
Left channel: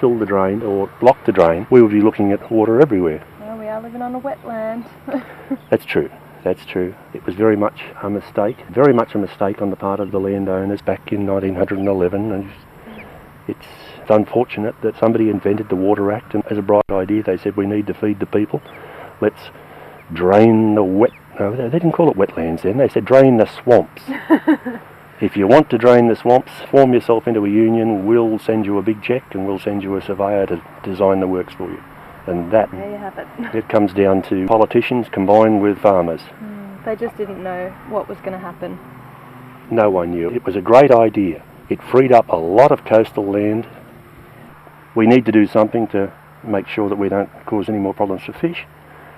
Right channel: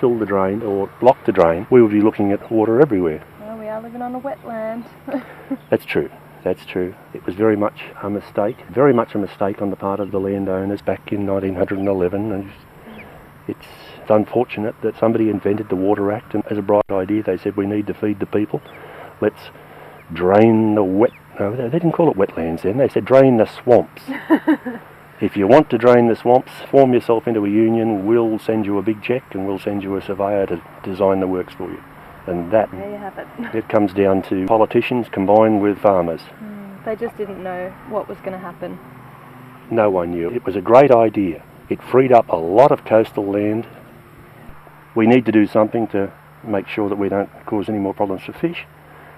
fill the drain or block the drain, we would be looking at water everywhere. Well, we are living on a wetland. That's true. It was very much a mistake on the part of the landowners back in 1911, and it's unfortunate that somebody invented the Water Act, and as a bright idea they said we need to feed the people. Let's drain the they didn't call it wetlands then, they said drain the swamps. If you want to drain the swamps, form yourself into a union, we'll send you a big cheque and we'll send you a surveyor to design the works for you. And that, There you have it. it comes down to politicians combined with farmers. They just didn't know what was going to happen. No one knew. It was a great idea. It freed up a lot of coastal land. We need to do something to make sure that we don't cause any more problems for fish.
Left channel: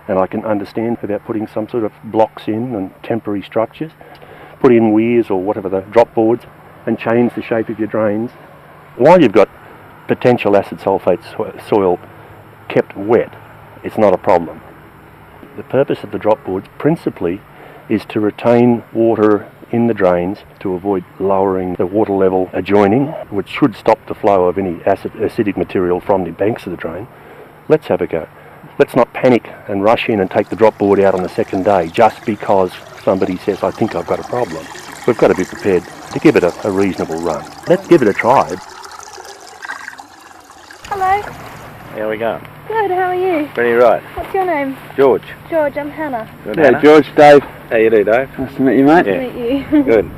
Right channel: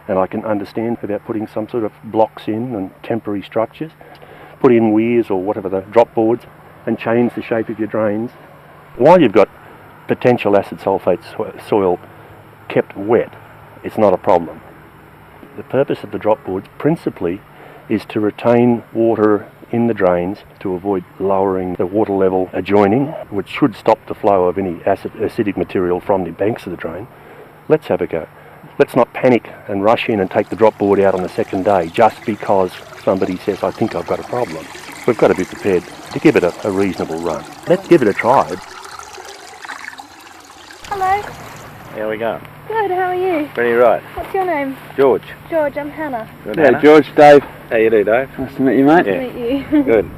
And I can understand about putting some sort of blocks in and temporary structures. Put in weirs or whatever, the drop boards, and change the shape of your drains. While you've got potential acid sulphate soil kept wet, it's not a problem. The purpose of the drop boards principally is to retain water in the drains to avoid lowering the water level adjoining, which should stop the flow of any acidic material from the banks of the drain. Let's have a go. Let's not panic and rush in and take the drop board out on the second day just because somebody says, I think I've got a problem. We've got to be prepared to give it a reasonable run. Let's give it a try. Hello. How are we going? Good, how are you? Pretty right. What's your name? George. George, I'm Hannah. Good, Yeah, Hannah. George, Dave. How you do, Dave? Nice to meet you, mate. Nice to meet you. Good.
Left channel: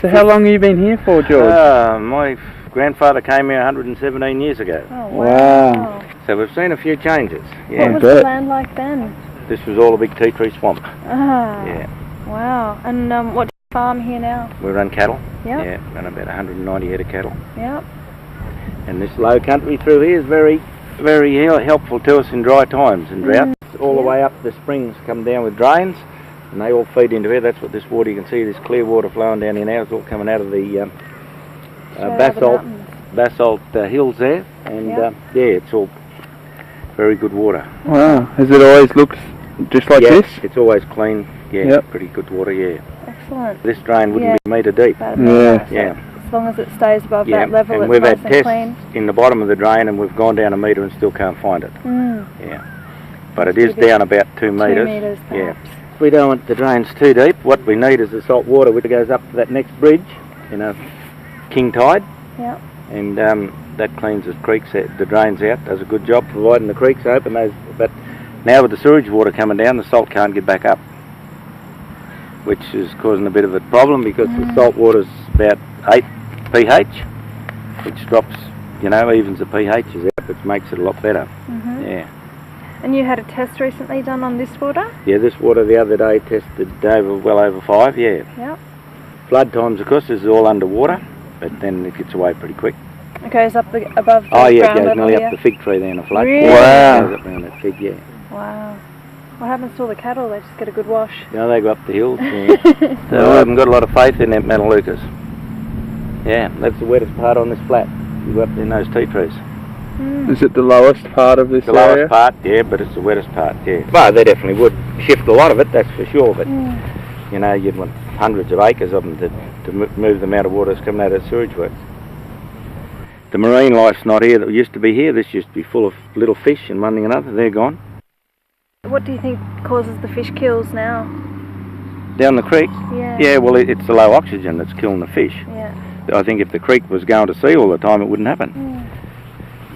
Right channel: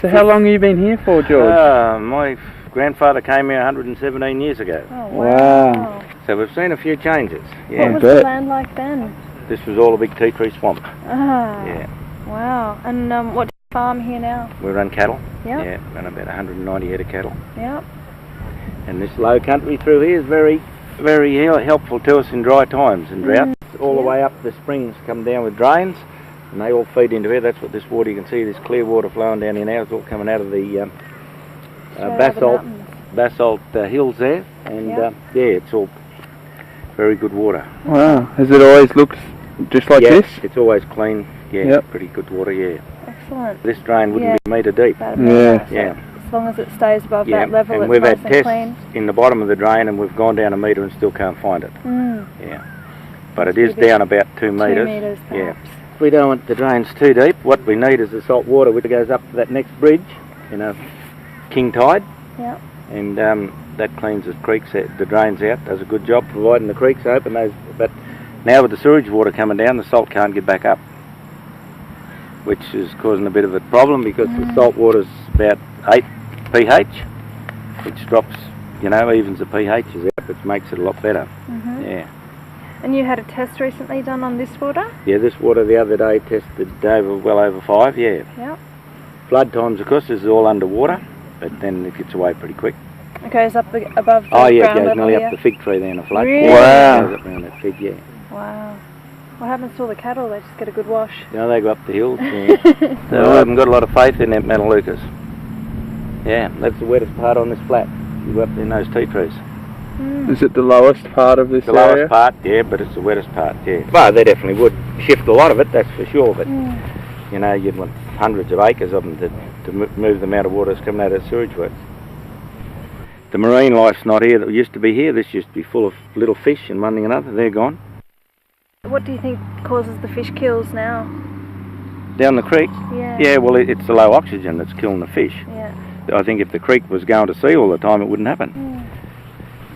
So how long have you been here for, George? My grandfather came here 117 years ago. Oh, Wow. So we've seen a few changes. What Yeah. was the land like then? This was all a big tea tree swamp. Ah. Yeah. Wow. And what do you farm here now? We run cattle. Yep. Yeah, run about 190 head of cattle. Yep. And this low country through here is very, very helpful to us in dry times and droughts. All the way up the springs come down with drains, and they all feed into here. That's what this water, you can see this clear water flowing down here now. It's all coming out of the basalt hills there, and Yep. yeah, it's all very good water. Wow. Has it always looked just like Yeah, this? it's always clean. Yeah, Yep. pretty good water. Yeah, Excellent. this drain wouldn't Yeah. be a metre deep. That'd be Yeah. nice. Yeah. As long as it stays above Yeah, that level, and it's we've nice had and tests clean. in the bottom of the drain, and we've gone down a metre and still can't find it. Yeah, but it is Maybe down about 2 2 metres. metres Yeah. perhaps. We don't want the drains too deep. What we need is the salt water which goes up to that next bridge, king tide, Yep. and that cleans the creeks, the drains out, does a good job providing the creeks open. But now with the sewage water coming down, the salt can't get back up, which is causing a bit of a problem because the salt water's about 8 pH, which drops, evens the pHs out, which makes it a lot better. Yeah. And you had a test recently done on this water? Yeah, this water the other day tested well over 5, yeah. Yep. Flood times, of course, this is all underwater, but then it gets away pretty quick. It goes up above the Oh yeah, ground it goes level nearly here. up the fig tree there in a flood. Really? Wow. It goes up around that fig, yeah. Wow. What happens to all the cattle? They just get a good wash. Yeah, they go up the hills. Yeah. So I haven't got a lot of faith in them Melaleucas. Yeah, that's the wettest part on this flat. You go up in those tea trees. Is it the lowest part of this The area? lowest part, yeah, but it's the wettest part, yeah. Well, they definitely would shift a lot of it, that's for sure, but you know, you'd want hundreds of acres of them to move the amount of water that's coming out of the sewage works. The marine life's not here that used to be here. This used to be full of little fish and one thing and another. They're gone. What do you think causes the fish kills now? Down the creek? Yeah. Yeah, well, it's the low oxygen that's killing the fish. Yeah. I think if the creek was going to sea all the time, it wouldn't happen.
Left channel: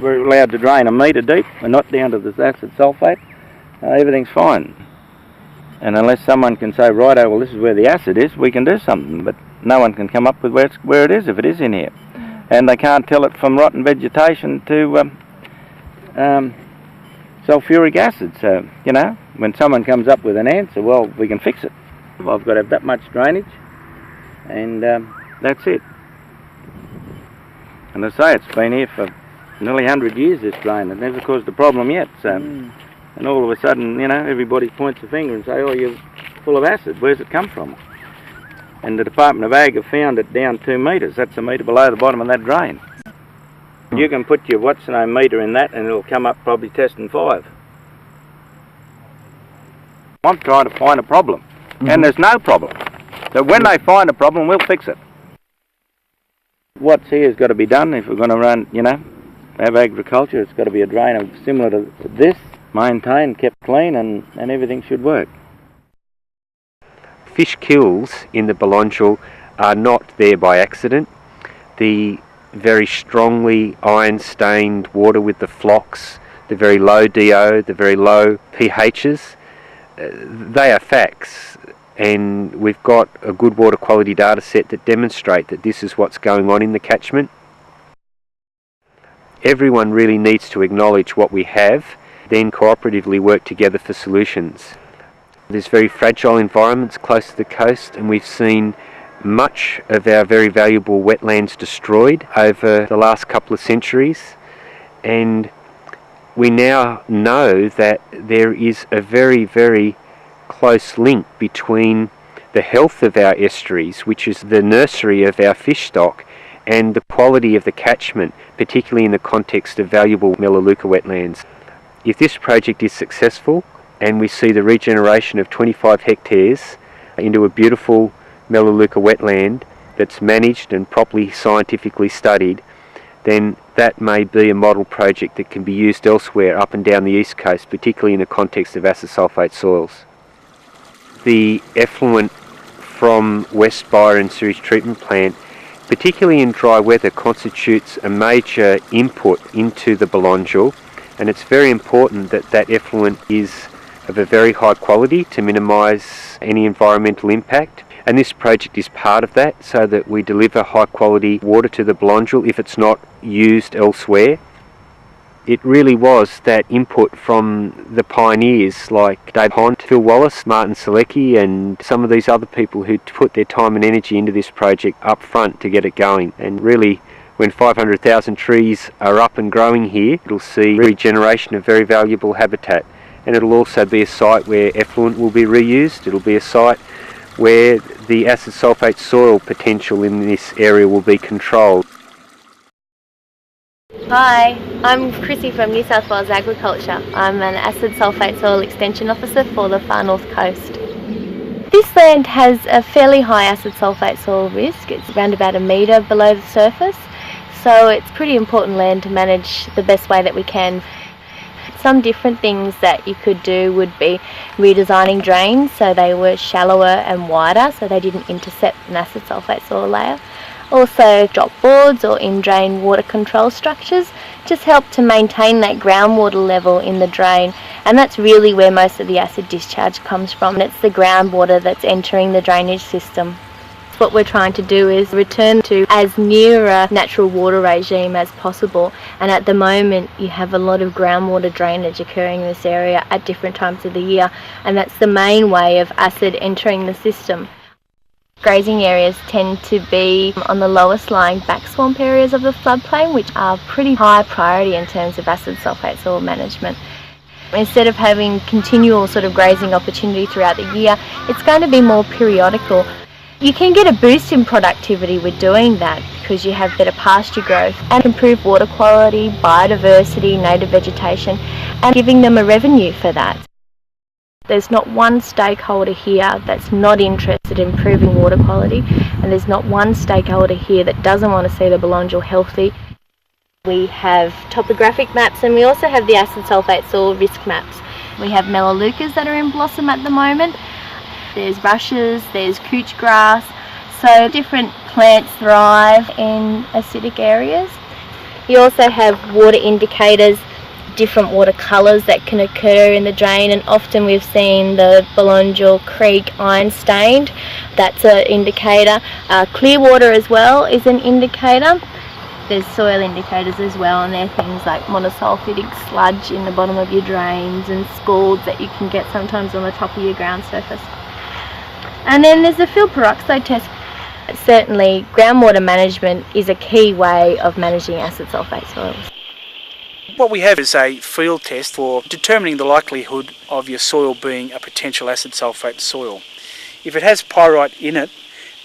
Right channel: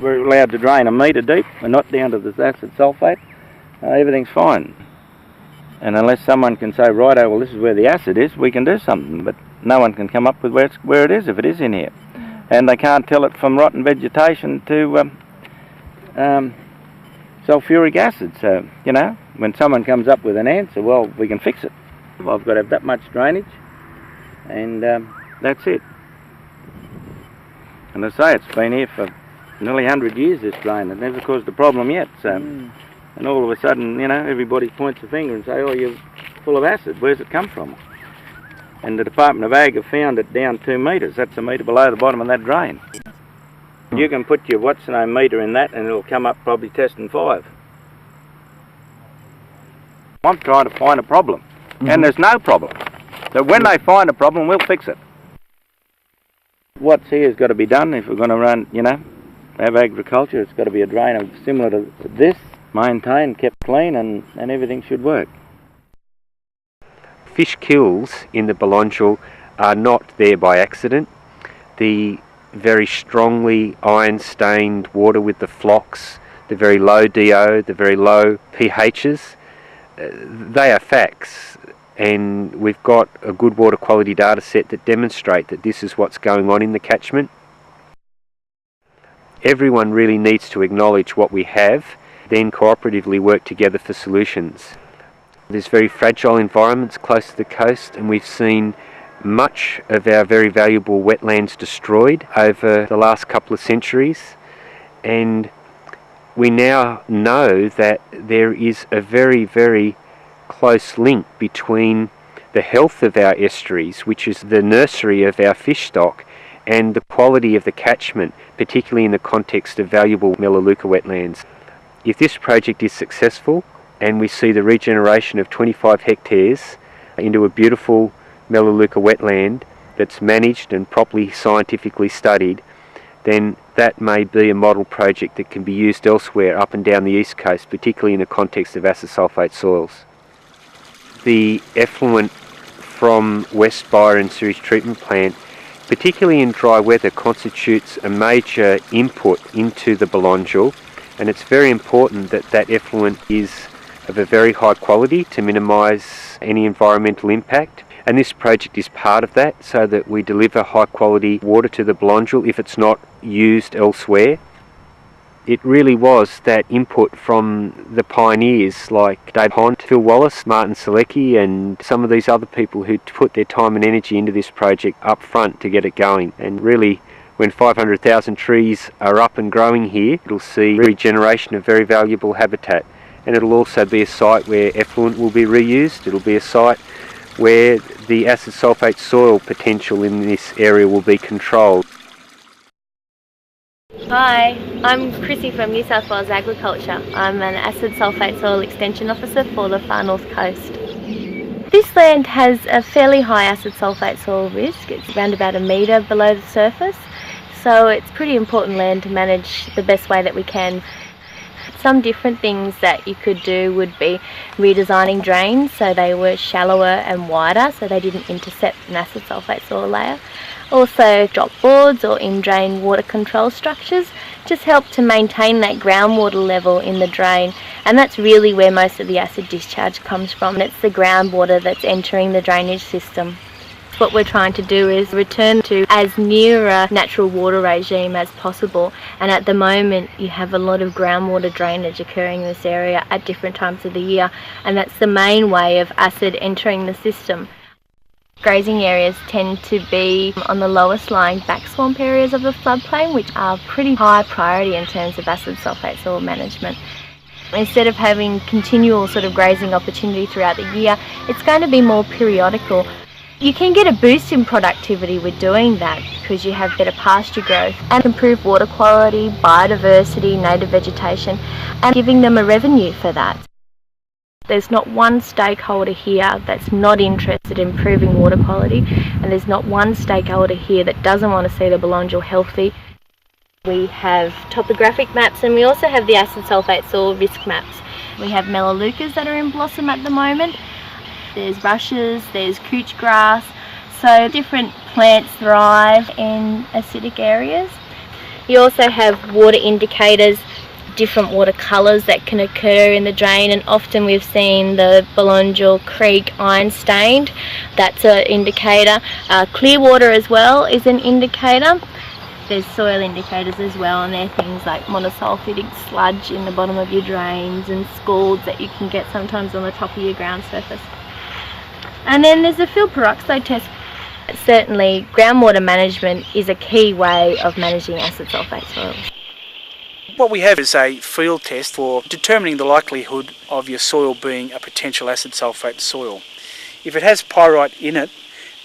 We're allowed to drain a metre deep and not down to this acid sulphate. Everything's fine. And unless someone can say, righto, well, this is where the acid is, we can do something. But no one can come up with where it is, if it is in here. And they can't tell it from rotten vegetation to sulphuric acid. So, you know, when someone comes up with an answer, well, we can fix it. I've got to have that much drainage, and that's it. And I say, it's been here for nearly 100 years, this drain. It never caused a problem yet. So, and all of a sudden, you know, everybody points a finger and say, oh, you're full of acid. Where's it come from? And the Department of Ag have found it down 2 metres. That's a metre below the bottom of that drain. You can put your what's-the-name meter in that and it'll come up probably testing 5. I'm trying to find a problem, and there's no problem. So when they find a problem, we'll fix it. What's here has got to be done if we're going to run, you know, have agriculture. It's got to be a drain similar to this, maintained, kept clean, and everything should work. Fish kills in the Belongil are not there by accident. The very strongly iron-stained water with the flocks, the very low DO, the very low pHs, they are facts, and we've got a good water quality data set that demonstrate that this is what's going on in the catchment. Everyone really needs to acknowledge what we have, then cooperatively work together for solutions. There's very fragile environments close to the coast, and we've seen much of our very valuable wetlands destroyed over the last couple of centuries, and we now know that there is a very, very close link between the health of our estuaries, which is the nursery of our fish stock, and the quality of the catchment, particularly in the context of valuable Melaleuca wetlands. If this project is successful, and we see the regeneration of 25 hectares into a beautiful Melaleuca wetland that's managed and properly scientifically studied, then that may be a model project that can be used elsewhere up and down the east coast, particularly in the context of acid sulphate soils. The effluent from West Byron sewage treatment plant, particularly in dry weather, constitutes a major input into the Belongil, and it's very important that that effluent is of a very high quality to minimise any environmental impact. And this project is part of that, so that we deliver high quality water to the Belongil if it's not used elsewhere. It really was that input from the pioneers like Dave Hont, Phil Wallace, Martin Selecki, and some of these other people who put their time and energy into this project up front to get it going. And really, when 500,000 trees are up and growing here, it'll see regeneration of very valuable habitat. And it'll also be a site where effluent will be reused. It'll be a site where the acid sulphate soil potential in this area will be controlled. Hi, I'm Chrissy from New South Wales Agriculture. I'm an acid sulphate soil extension officer for the far north coast. This land has a fairly high acid sulphate soil risk. It's around about 1 metre below the surface, so it's pretty important land to manage the best way that we can. Some different things that you could do would be redesigning drains so they were shallower and wider, so they didn't intercept an acid sulphate soil layer. Also, drop boards or in-drain water control structures just help to maintain that groundwater level in the drain, and that's really where most of the acid discharge comes from. It's the groundwater that's entering the drainage system. What we're trying to do is return to as near a natural water regime as possible, and at the moment you have a lot of groundwater drainage occurring in this area at different times of the year, and that's the main way of acid entering the system. Grazing areas tend to be on the lowest lying back swamp areas of the floodplain, which are pretty high priority in terms of acid sulphate soil management. Instead of having continual sort of grazing opportunity throughout the year, it's going to be more periodical. You can get a boost in productivity with doing that because you have better pasture growth and improved water quality, biodiversity, native vegetation, and giving them a revenue for that. There's not one stakeholder here that's not interested in improving water quality, and there's not one stakeholder here that doesn't want to see the Belongil healthy. We have topographic maps, and we also have the acid sulphate soil risk maps. We have melaleucas that are in blossom at the moment. There's rushes, there's couch grass, so different plants thrive in acidic areas. You also have water indicators, different water colours that can occur in the drain, and often we've seen the Belongil Creek iron stained. That's an indicator. Clear water as well is an indicator. There's soil indicators as well, and they're things like monosulfidic sludge in the bottom of your drains and scalds that you can get sometimes on the top of your ground surface. And then there's the field peroxide test. Certainly groundwater management is a key way of managing acid sulphate soils. What we have is a field test for determining the likelihood of your soil being a potential acid sulphate soil. If it has pyrite in it,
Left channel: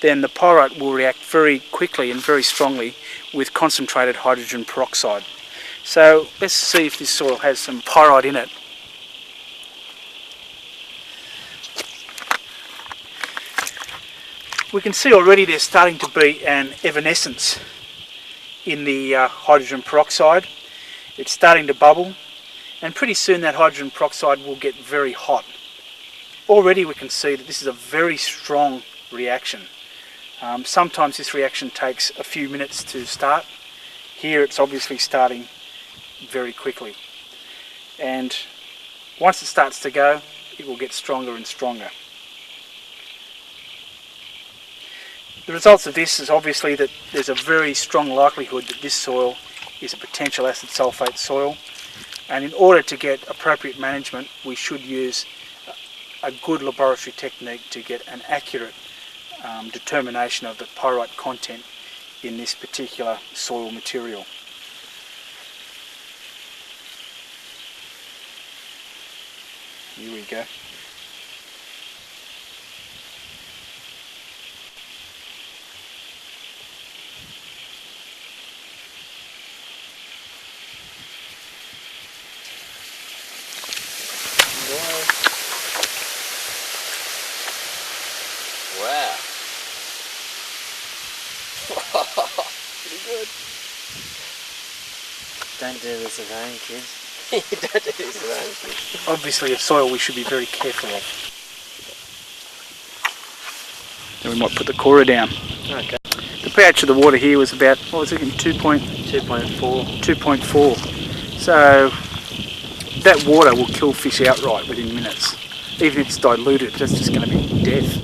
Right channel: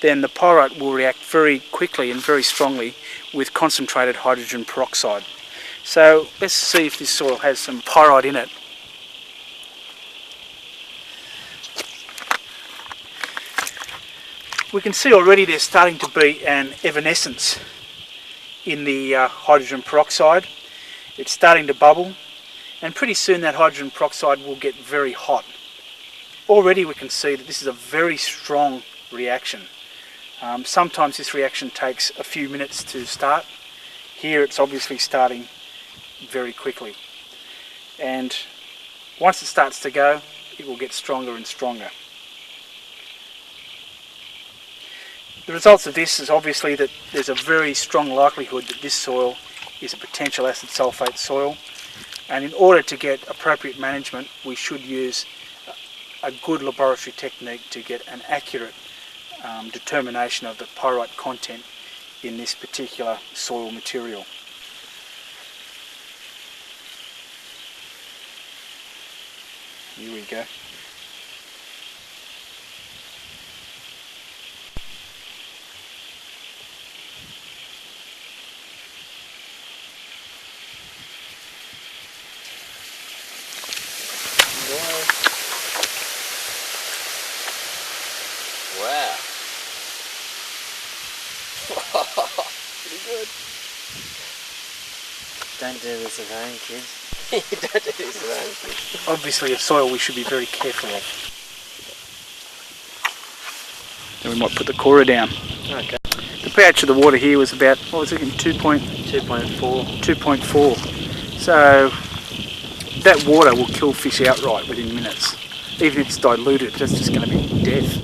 then the pyrite will react very quickly and very strongly with concentrated hydrogen peroxide. So let's see if this soil has some pyrite in it. We can see already there's starting to be an evanescence in the hydrogen peroxide. It's starting to bubble, and pretty soon that hydrogen peroxide will get very hot. Already we can see that this is a very strong reaction. Sometimes this reaction takes a few minutes to start. Here it's obviously starting very quickly, and once it starts to go, it will get stronger and stronger. The results of this is obviously that there's a very strong likelihood that this soil is a potential acid sulphate soil, and in order to get appropriate management we should use a good laboratory technique to get an accurate determination of the pyrite content in this particular soil material. Here we go. Wow. Pretty good. Don't do this at home, kids. Don't do this at home, kids. Obviously a soil we should be very careful of. Then we might put the cora down. Okay. The pH of the water here was about, what was it, 2.4. 2.4. So that water will kill fish outright within minutes. Even if it's diluted, that's just going to be death.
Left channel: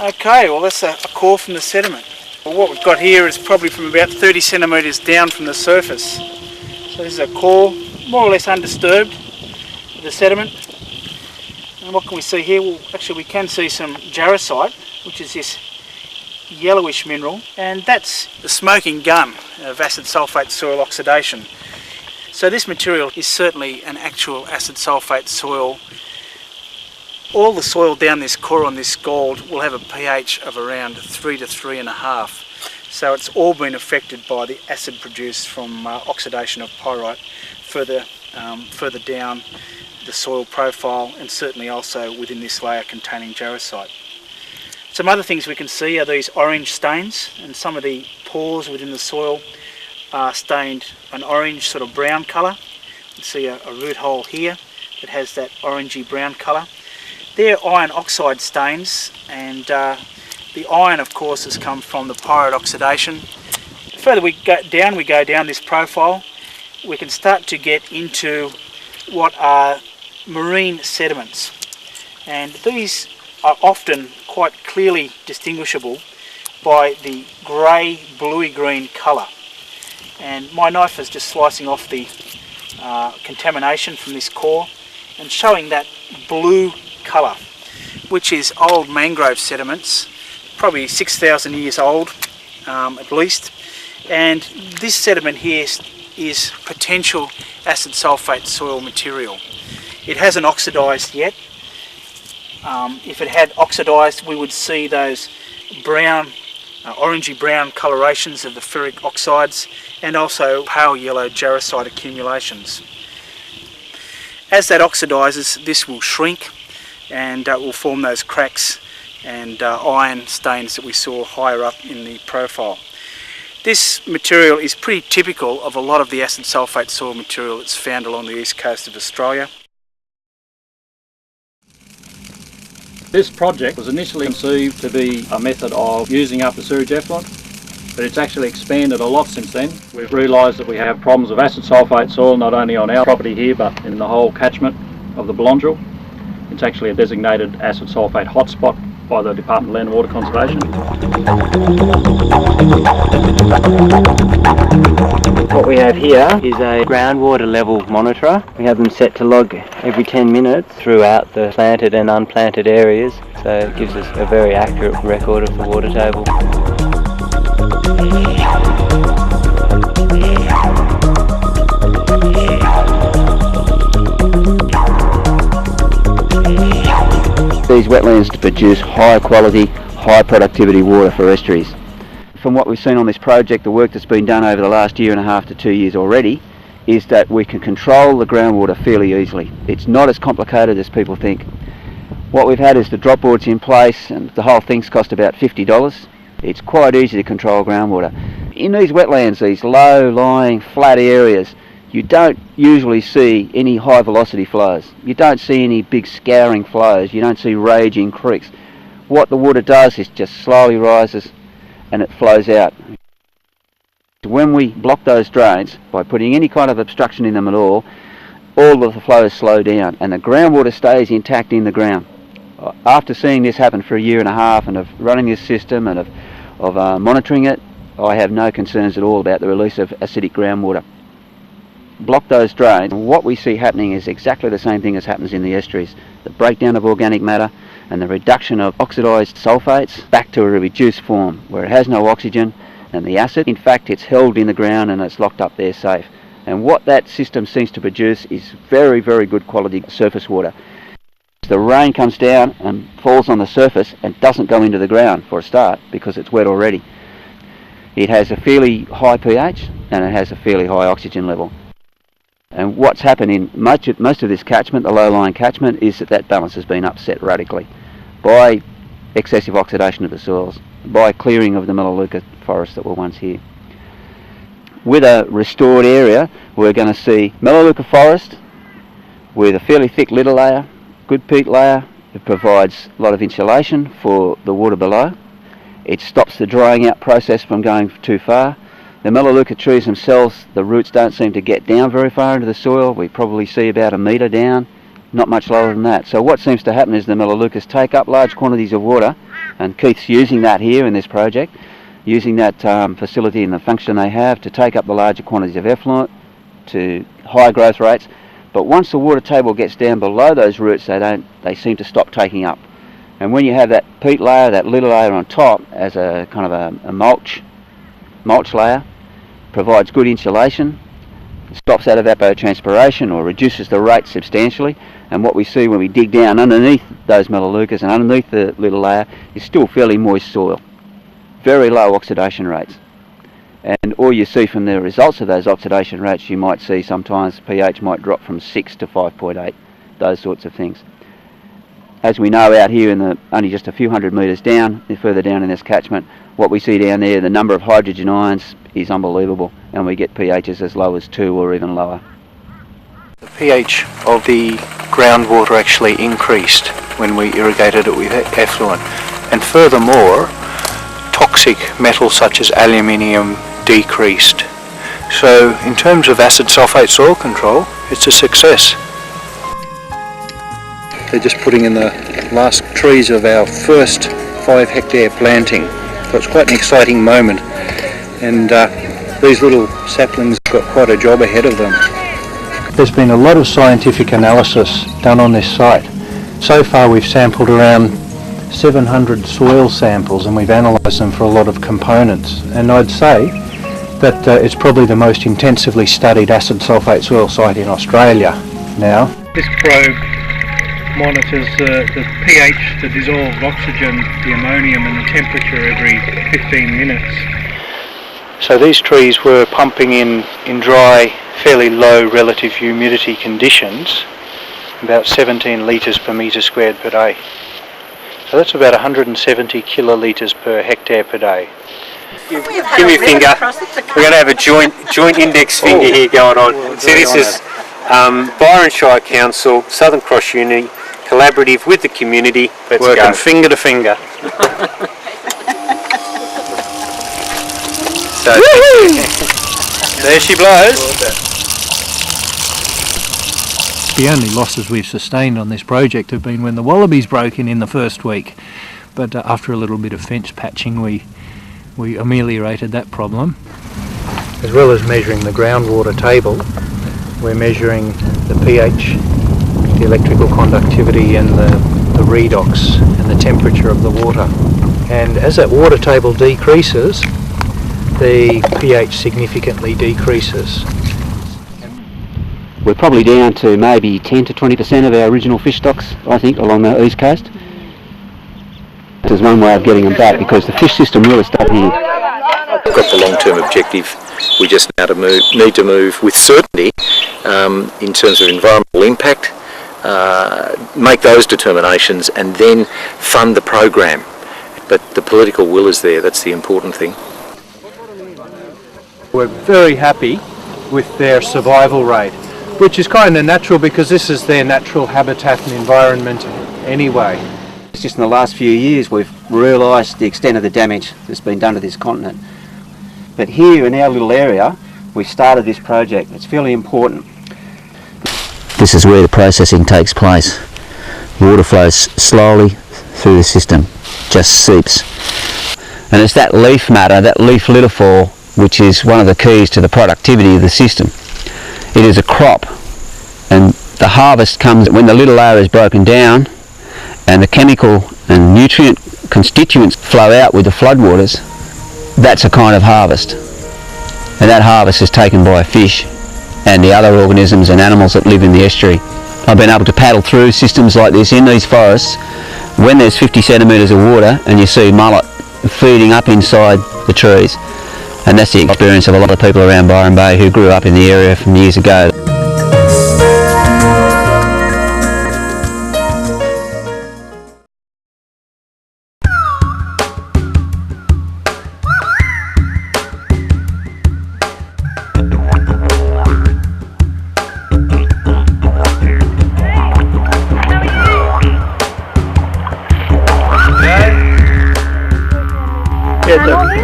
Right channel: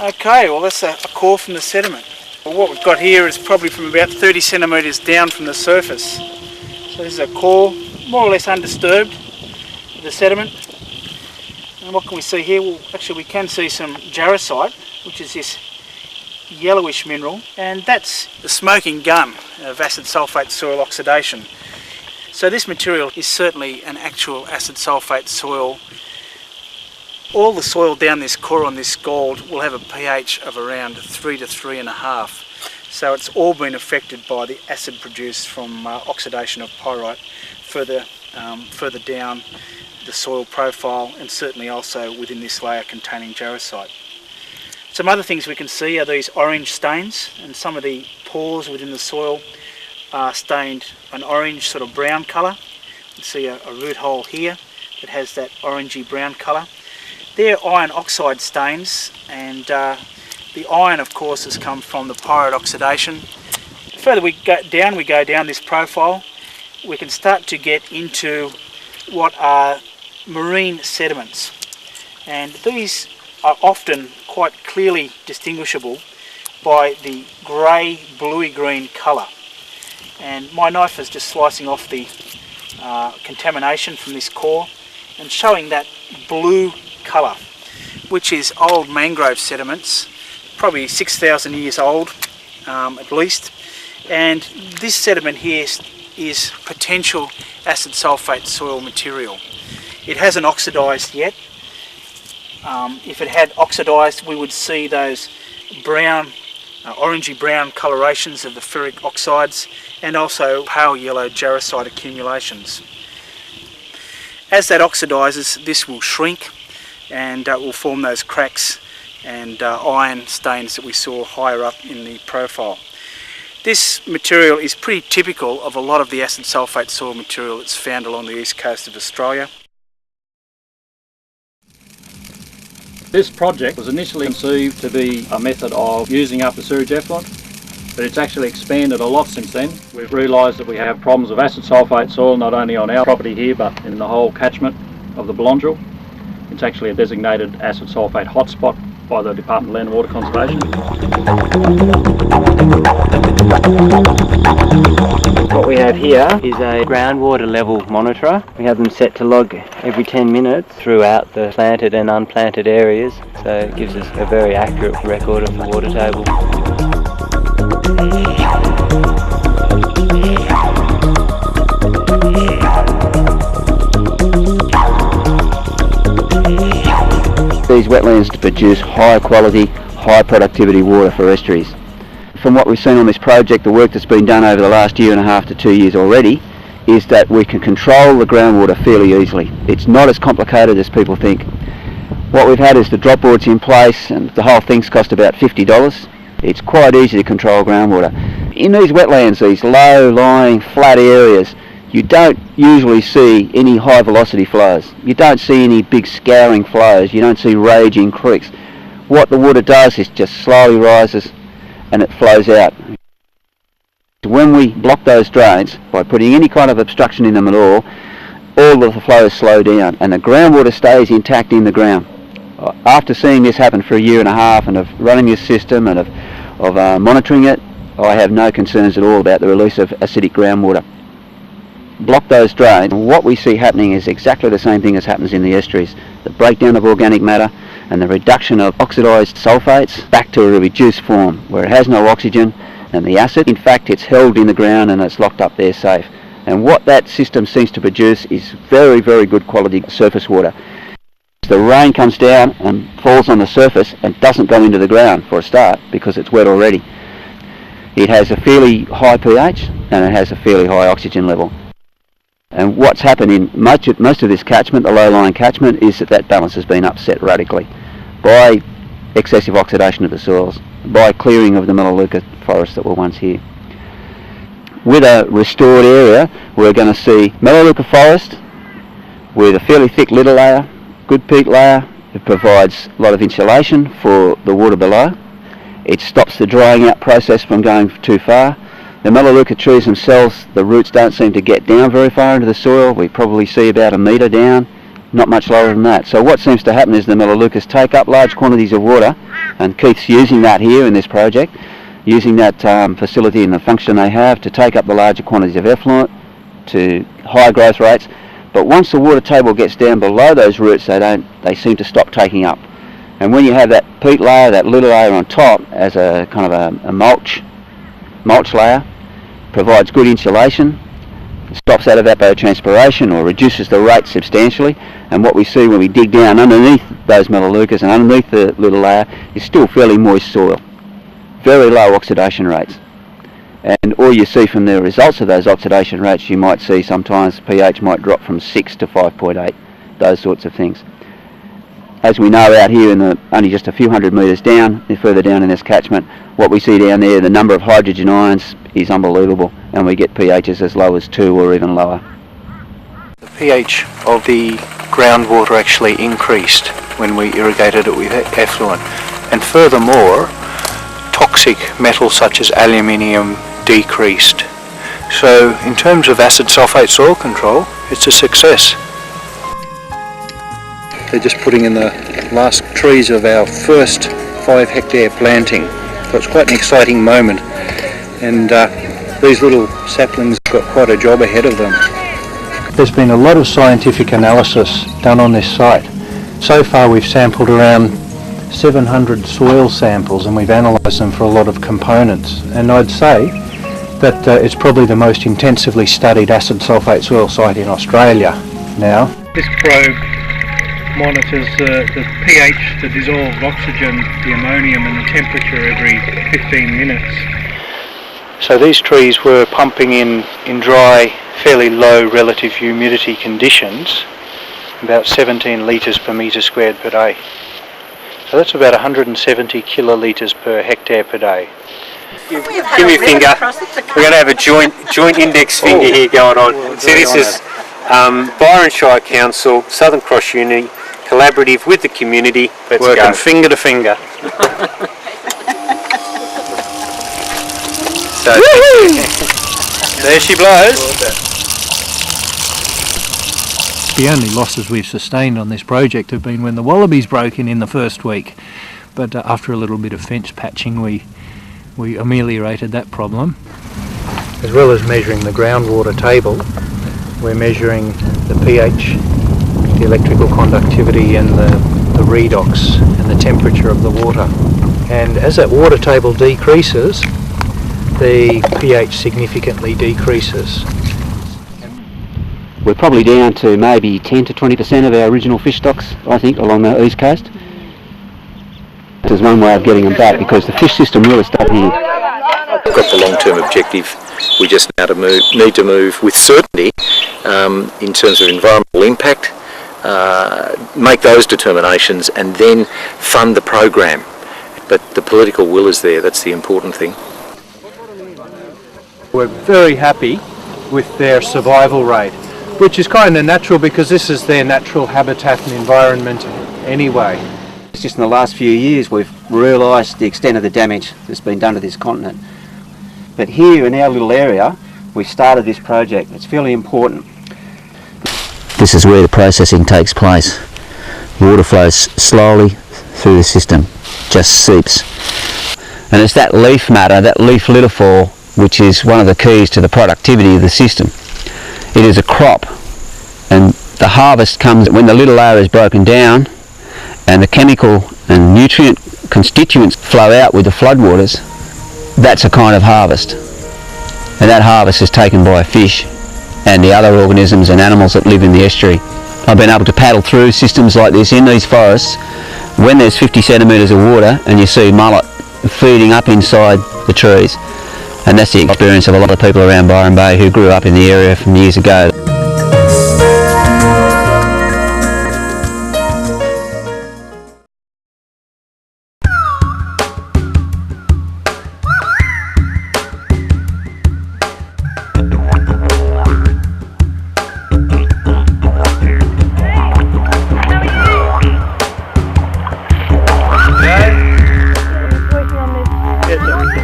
Okay, well that's a core from the sediment. Well, what we've got here is probably from about 30 centimetres down from the surface. So this is a core, more or less undisturbed, of the sediment. And what can we see here? Well, actually we can see some jarosite, which is this yellowish mineral, and that's the smoking gun of acid sulphate soil oxidation. So this material is certainly an actual acid sulphate soil. All the soil down this core on this scald will have a pH of around 3 to 3.5. So it's all been affected by the acid produced from oxidation of pyrite further down the soil profile, and certainly also within this layer containing jarosite. Some other things we can see are these orange stains, and some of the pores within the soil are stained an orange sort of brown colour. You can see a root hole here that has that orangey brown colour. They're iron oxide stains, and the iron of course has come from the pyrite oxidation. The further we go down this profile, we can start to get into what are marine sediments. and these are often quite clearly distinguishable by the grey bluey green colour. And my knife is just slicing off the contamination from this core and showing that blue colour, which is old mangrove sediments, probably 6,000 years old at least. And this sediment here is potential acid sulphate soil material. It hasn't oxidised yet. If it had oxidised, we would see those brown, orangey brown colorations of the ferric oxides and also pale yellow jarosite accumulations. As that oxidises, this will shrink and will form those cracks and iron stains that we saw higher up in the profile. This material is pretty typical of a lot of the acid sulphate soil material that's found along the east coast of Australia. This project was initially conceived to be a method of using up the sewage effluent, but it's actually expanded a lot since then. We've realised that we have problems of acid sulphate soil not only on our property here but in the whole catchment of the Belongil. It's actually a designated acid sulphate hotspot by the Department of Land and Water Conservation. What we have here is a groundwater level monitor. We have them set to log every 10 minutes throughout the planted and unplanted areas, so it gives us a very accurate record of the water table. These wetlands to produce high quality, high productivity water for estuaries. From what we've seen on this project, the work that's been done over the last 1.5 to 2 years already, is that we can control the groundwater fairly easily. It's not as complicated as people think. What we've had is the drop boards in place, and the whole thing's cost about $50. It's quite easy to control groundwater. In these wetlands, these low-lying flat areas, you don't usually see any high velocity flows. You don't see any big scouring flows. You don't see raging creeks. What the water does is just slowly rises and it flows out. When we block those drains by putting any kind of obstruction in them at all of the flows slow down and the groundwater stays intact in the ground. After seeing this happen for 1.5 years and of running this system and of monitoring it, I have no concerns at all about the release of acidic groundwater. Block those drains, and what we see happening is exactly the same thing as happens in the estuaries. The breakdown of organic matter and the reduction of oxidised sulphates back to a reduced form where it has no oxygen, and the acid, in fact, it's held in the ground and it's locked up there safe. And what that system seems to produce is very, very good quality surface water. The rain comes down and falls on the surface and doesn't go into the ground for a start because it's wet already. It has a fairly high pH and it has a fairly high oxygen level. And what's happened in most of this catchment, the low-lying catchment, is that balance has been upset radically by excessive oxidation of the soils, by clearing of the Melaleuca forests that were once here. With a restored area, we're going to see Melaleuca forest with a fairly thick litter layer, good peat layer. It provides a lot of insulation for the water below. It stops the drying out process from going too far. The Melaleuca trees themselves, the roots don't seem to get down very far into the soil. We probably see about 1 metre down, not much lower than that. So what seems to happen is the Melaleucas take up large quantities of water, and Keith's using that here in this project, using that facility and the function they have to take up the larger quantities of effluent to high growth rates. But once the water table gets down below those roots, they seem to stop taking up. And when you have that peat layer, that litter layer on top as a kind of a mulch layer, provides good insulation, stops that evapotranspiration or reduces the rate substantially, and what we see when we dig down underneath those Melaleucas and underneath the litter layer is still fairly moist soil, very low oxidation rates. And all you see from the results of those oxidation rates, you might see sometimes pH might drop from 6 to 5.8, those sorts of things. As we know out here only just a few hundred metres down, further down in this catchment, what we see down there, the number of hydrogen ions is unbelievable, and we get pHs as low as 2 or even lower. The pH of the groundwater actually increased when we irrigated it with effluent, and furthermore, toxic metals such as aluminium decreased. So in terms of acid sulphate soil control, it's a success. actually just putting in the last trees of our first 5 hectare planting. So it's quite an exciting moment, and these little saplings have got quite a job ahead of them. There's been a lot of scientific analysis done on this site. So far we've sampled around 700 soil samples and we've analysed them for a lot of components, and I'd say that it's probably the most intensively studied acid sulphate soil site in Australia now. This probe monitors the pH, the dissolved oxygen, the ammonium and the temperature every 15 minutes. So these trees were pumping in dry, fairly low relative humidity conditions, about 17 litres per metre squared per day. So that's about 170 kilolitres per hectare per day. Give me a finger. We're going to have a joint index finger here going on. See, this is Byron Shire Council, Southern Cross Uni, collaborative with the community. Let's working go. finger to finger. So, there she blows. The only losses we've sustained on this project have been when the wallabies broke in the first week, but after a little bit of fence patching we ameliorated that problem. As well as measuring the groundwater table, we're measuring the pH, the electrical conductivity and the redox and the temperature of the water. And as that water table decreases, the pH significantly decreases. We're probably down to maybe 10 to 20% of our original fish stocks, I think, along the east coast. There's one way of getting them back because the fish system really stopped here. We've got the long-term objective. We just now need to move with certainty in terms of environmental impact, make those determinations and then fund the program. But the political will is there, that's the important thing. We're very happy with their survival rate, which is kind of natural because this is their natural habitat and environment anyway. It's just in the last few years we've realised the extent of the damage that's been done to this continent. But here in our little area, we started this project. It's fairly important. This is where the processing takes place. Water flows slowly through the system, just seeps. And it's that leaf matter, that leaf lithophore, which is one of the keys to the productivity of the system. It is a crop, and the harvest comes when the little layer is broken down and the chemical and nutrient constituents flow out with the floodwaters. That's a kind of harvest, and that harvest is taken by a fish and the other organisms and animals that live in the estuary. I've been able to paddle through systems like this in these forests when there's 50 centimetres of water and you see mullet feeding up inside the trees. And that's the experience of a lot of people around Byron Bay who grew up in the area from years ago.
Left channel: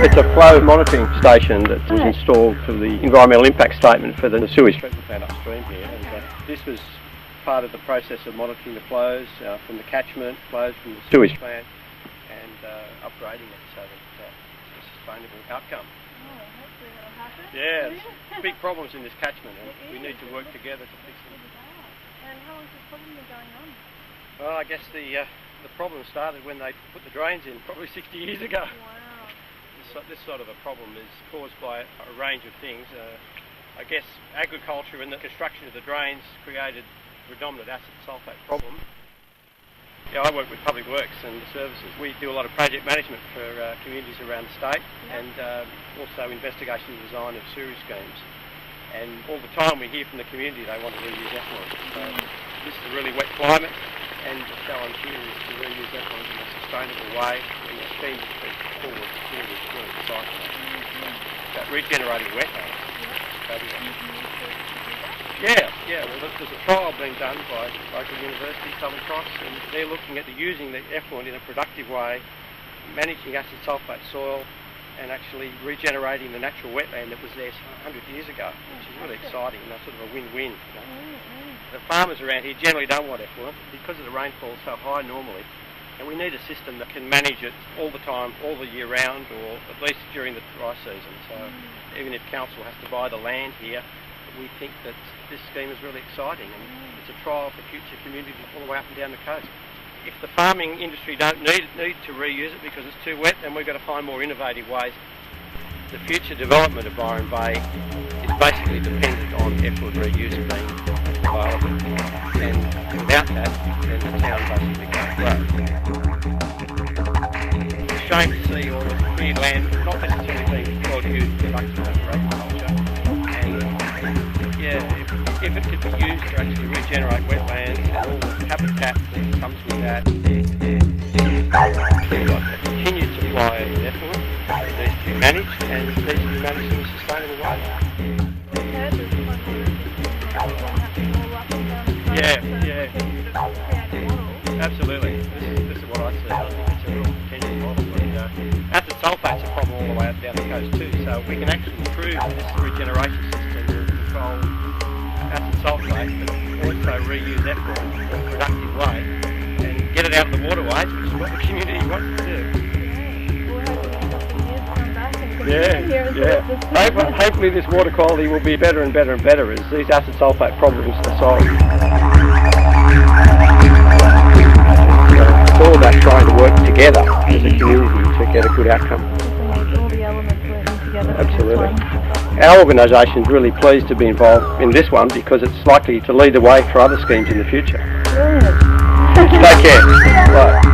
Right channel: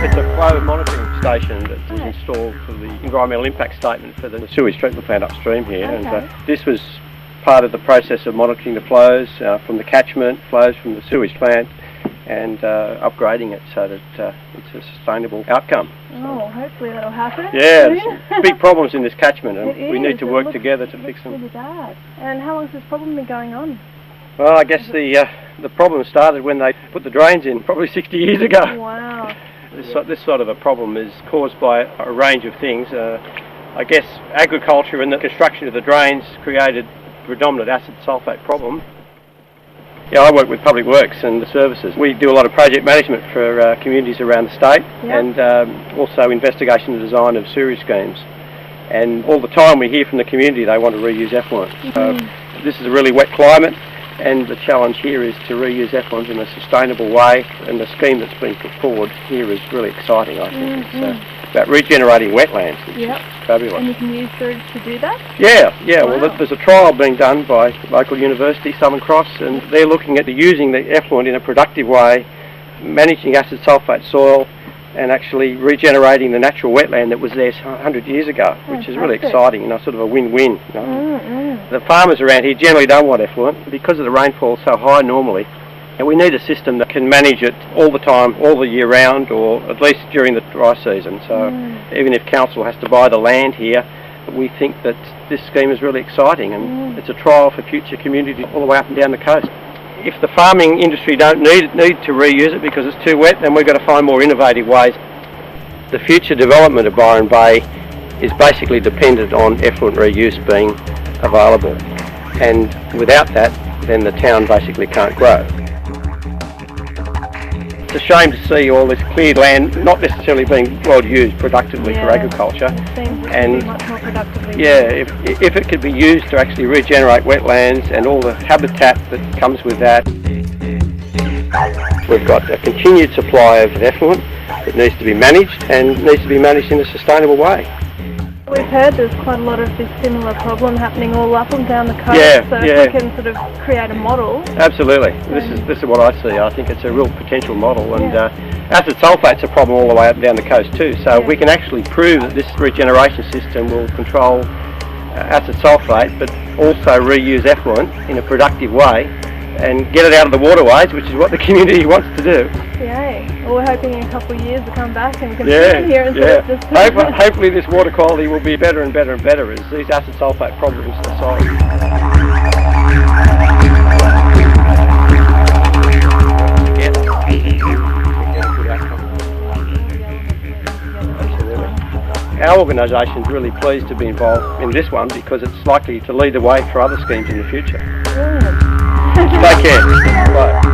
It's a flow monitoring station that was installed for the environmental impact statement for the sewage treatment plant upstream here. And this was part of the process of monitoring the flows from the catchment, flows from the sewage plant, and upgrading it so that it's a sustainable outcome. Oh, hopefully that'll happen. Yeah, there's big problems in this catchment and we need to work together to fix them. And how long has this problem been going on? Well, I guess the problem started when they put the drains in, probably 60 years ago. Wow. This sort of a problem is caused by a range of things. I guess agriculture and the construction of the drains created the predominant acid sulphate problem. Yeah, I work with Public Works and Services. We do a lot of project management for communities around the state and also investigation and design of sewage schemes. And all the time we hear from the community they want to reuse effluent. So this is a really wet climate and the challenge here is to reuse effluent in a sustainable way and the scheme that's been forward here is really exciting. About regenerating wetlands. Yeah, well there's a trial being done by local university, Southern Cross, and they're looking at using the effluent in a productive way, managing acid sulphate soil and actually regenerating the natural wetland that was there 100 years ago, which is really exciting and that's sort of a win-win. You know? The farmers around here generally don't want effluent because of the rainfall so high normally, and we need a system that can manage it all the time, all the year round, or at least during the dry season. So even if council has to buy the land here, we think that this scheme is really exciting, and it's a trial for future communities all the way up and down the coast. If the farming industry don't need to reuse it because it's too wet, then we've got to find more innovative ways. The future development of Byron Bay is basically dependent on effluent reuse being available, and without that, then the town basically can't grow. It's a shame to see all the cleared land not necessarily being well used productively for agriculture, and if it could be used to actually regenerate wetlands and all the habitat that comes with that, continued supply of effluent needs to be managed, and it needs to be managed in a sustainable way. Absolutely. This is what I see. I think it's a real potential model. And acid sulphate's a problem all the way up down the coast too, so we can actually improve this regeneration system and control acid sulphate, but also reuse effluent in a productive way and get it out of the waterways, which is what the community wants to do. Hopefully this water quality will be better and better and better as these acid sulphate problems are solved. It's all about trying to work together as a community to get a good outcome. Absolutely. Our organisation is really pleased to be involved in this one because it's likely to lead the way for other schemes in the future. Take care. Bye.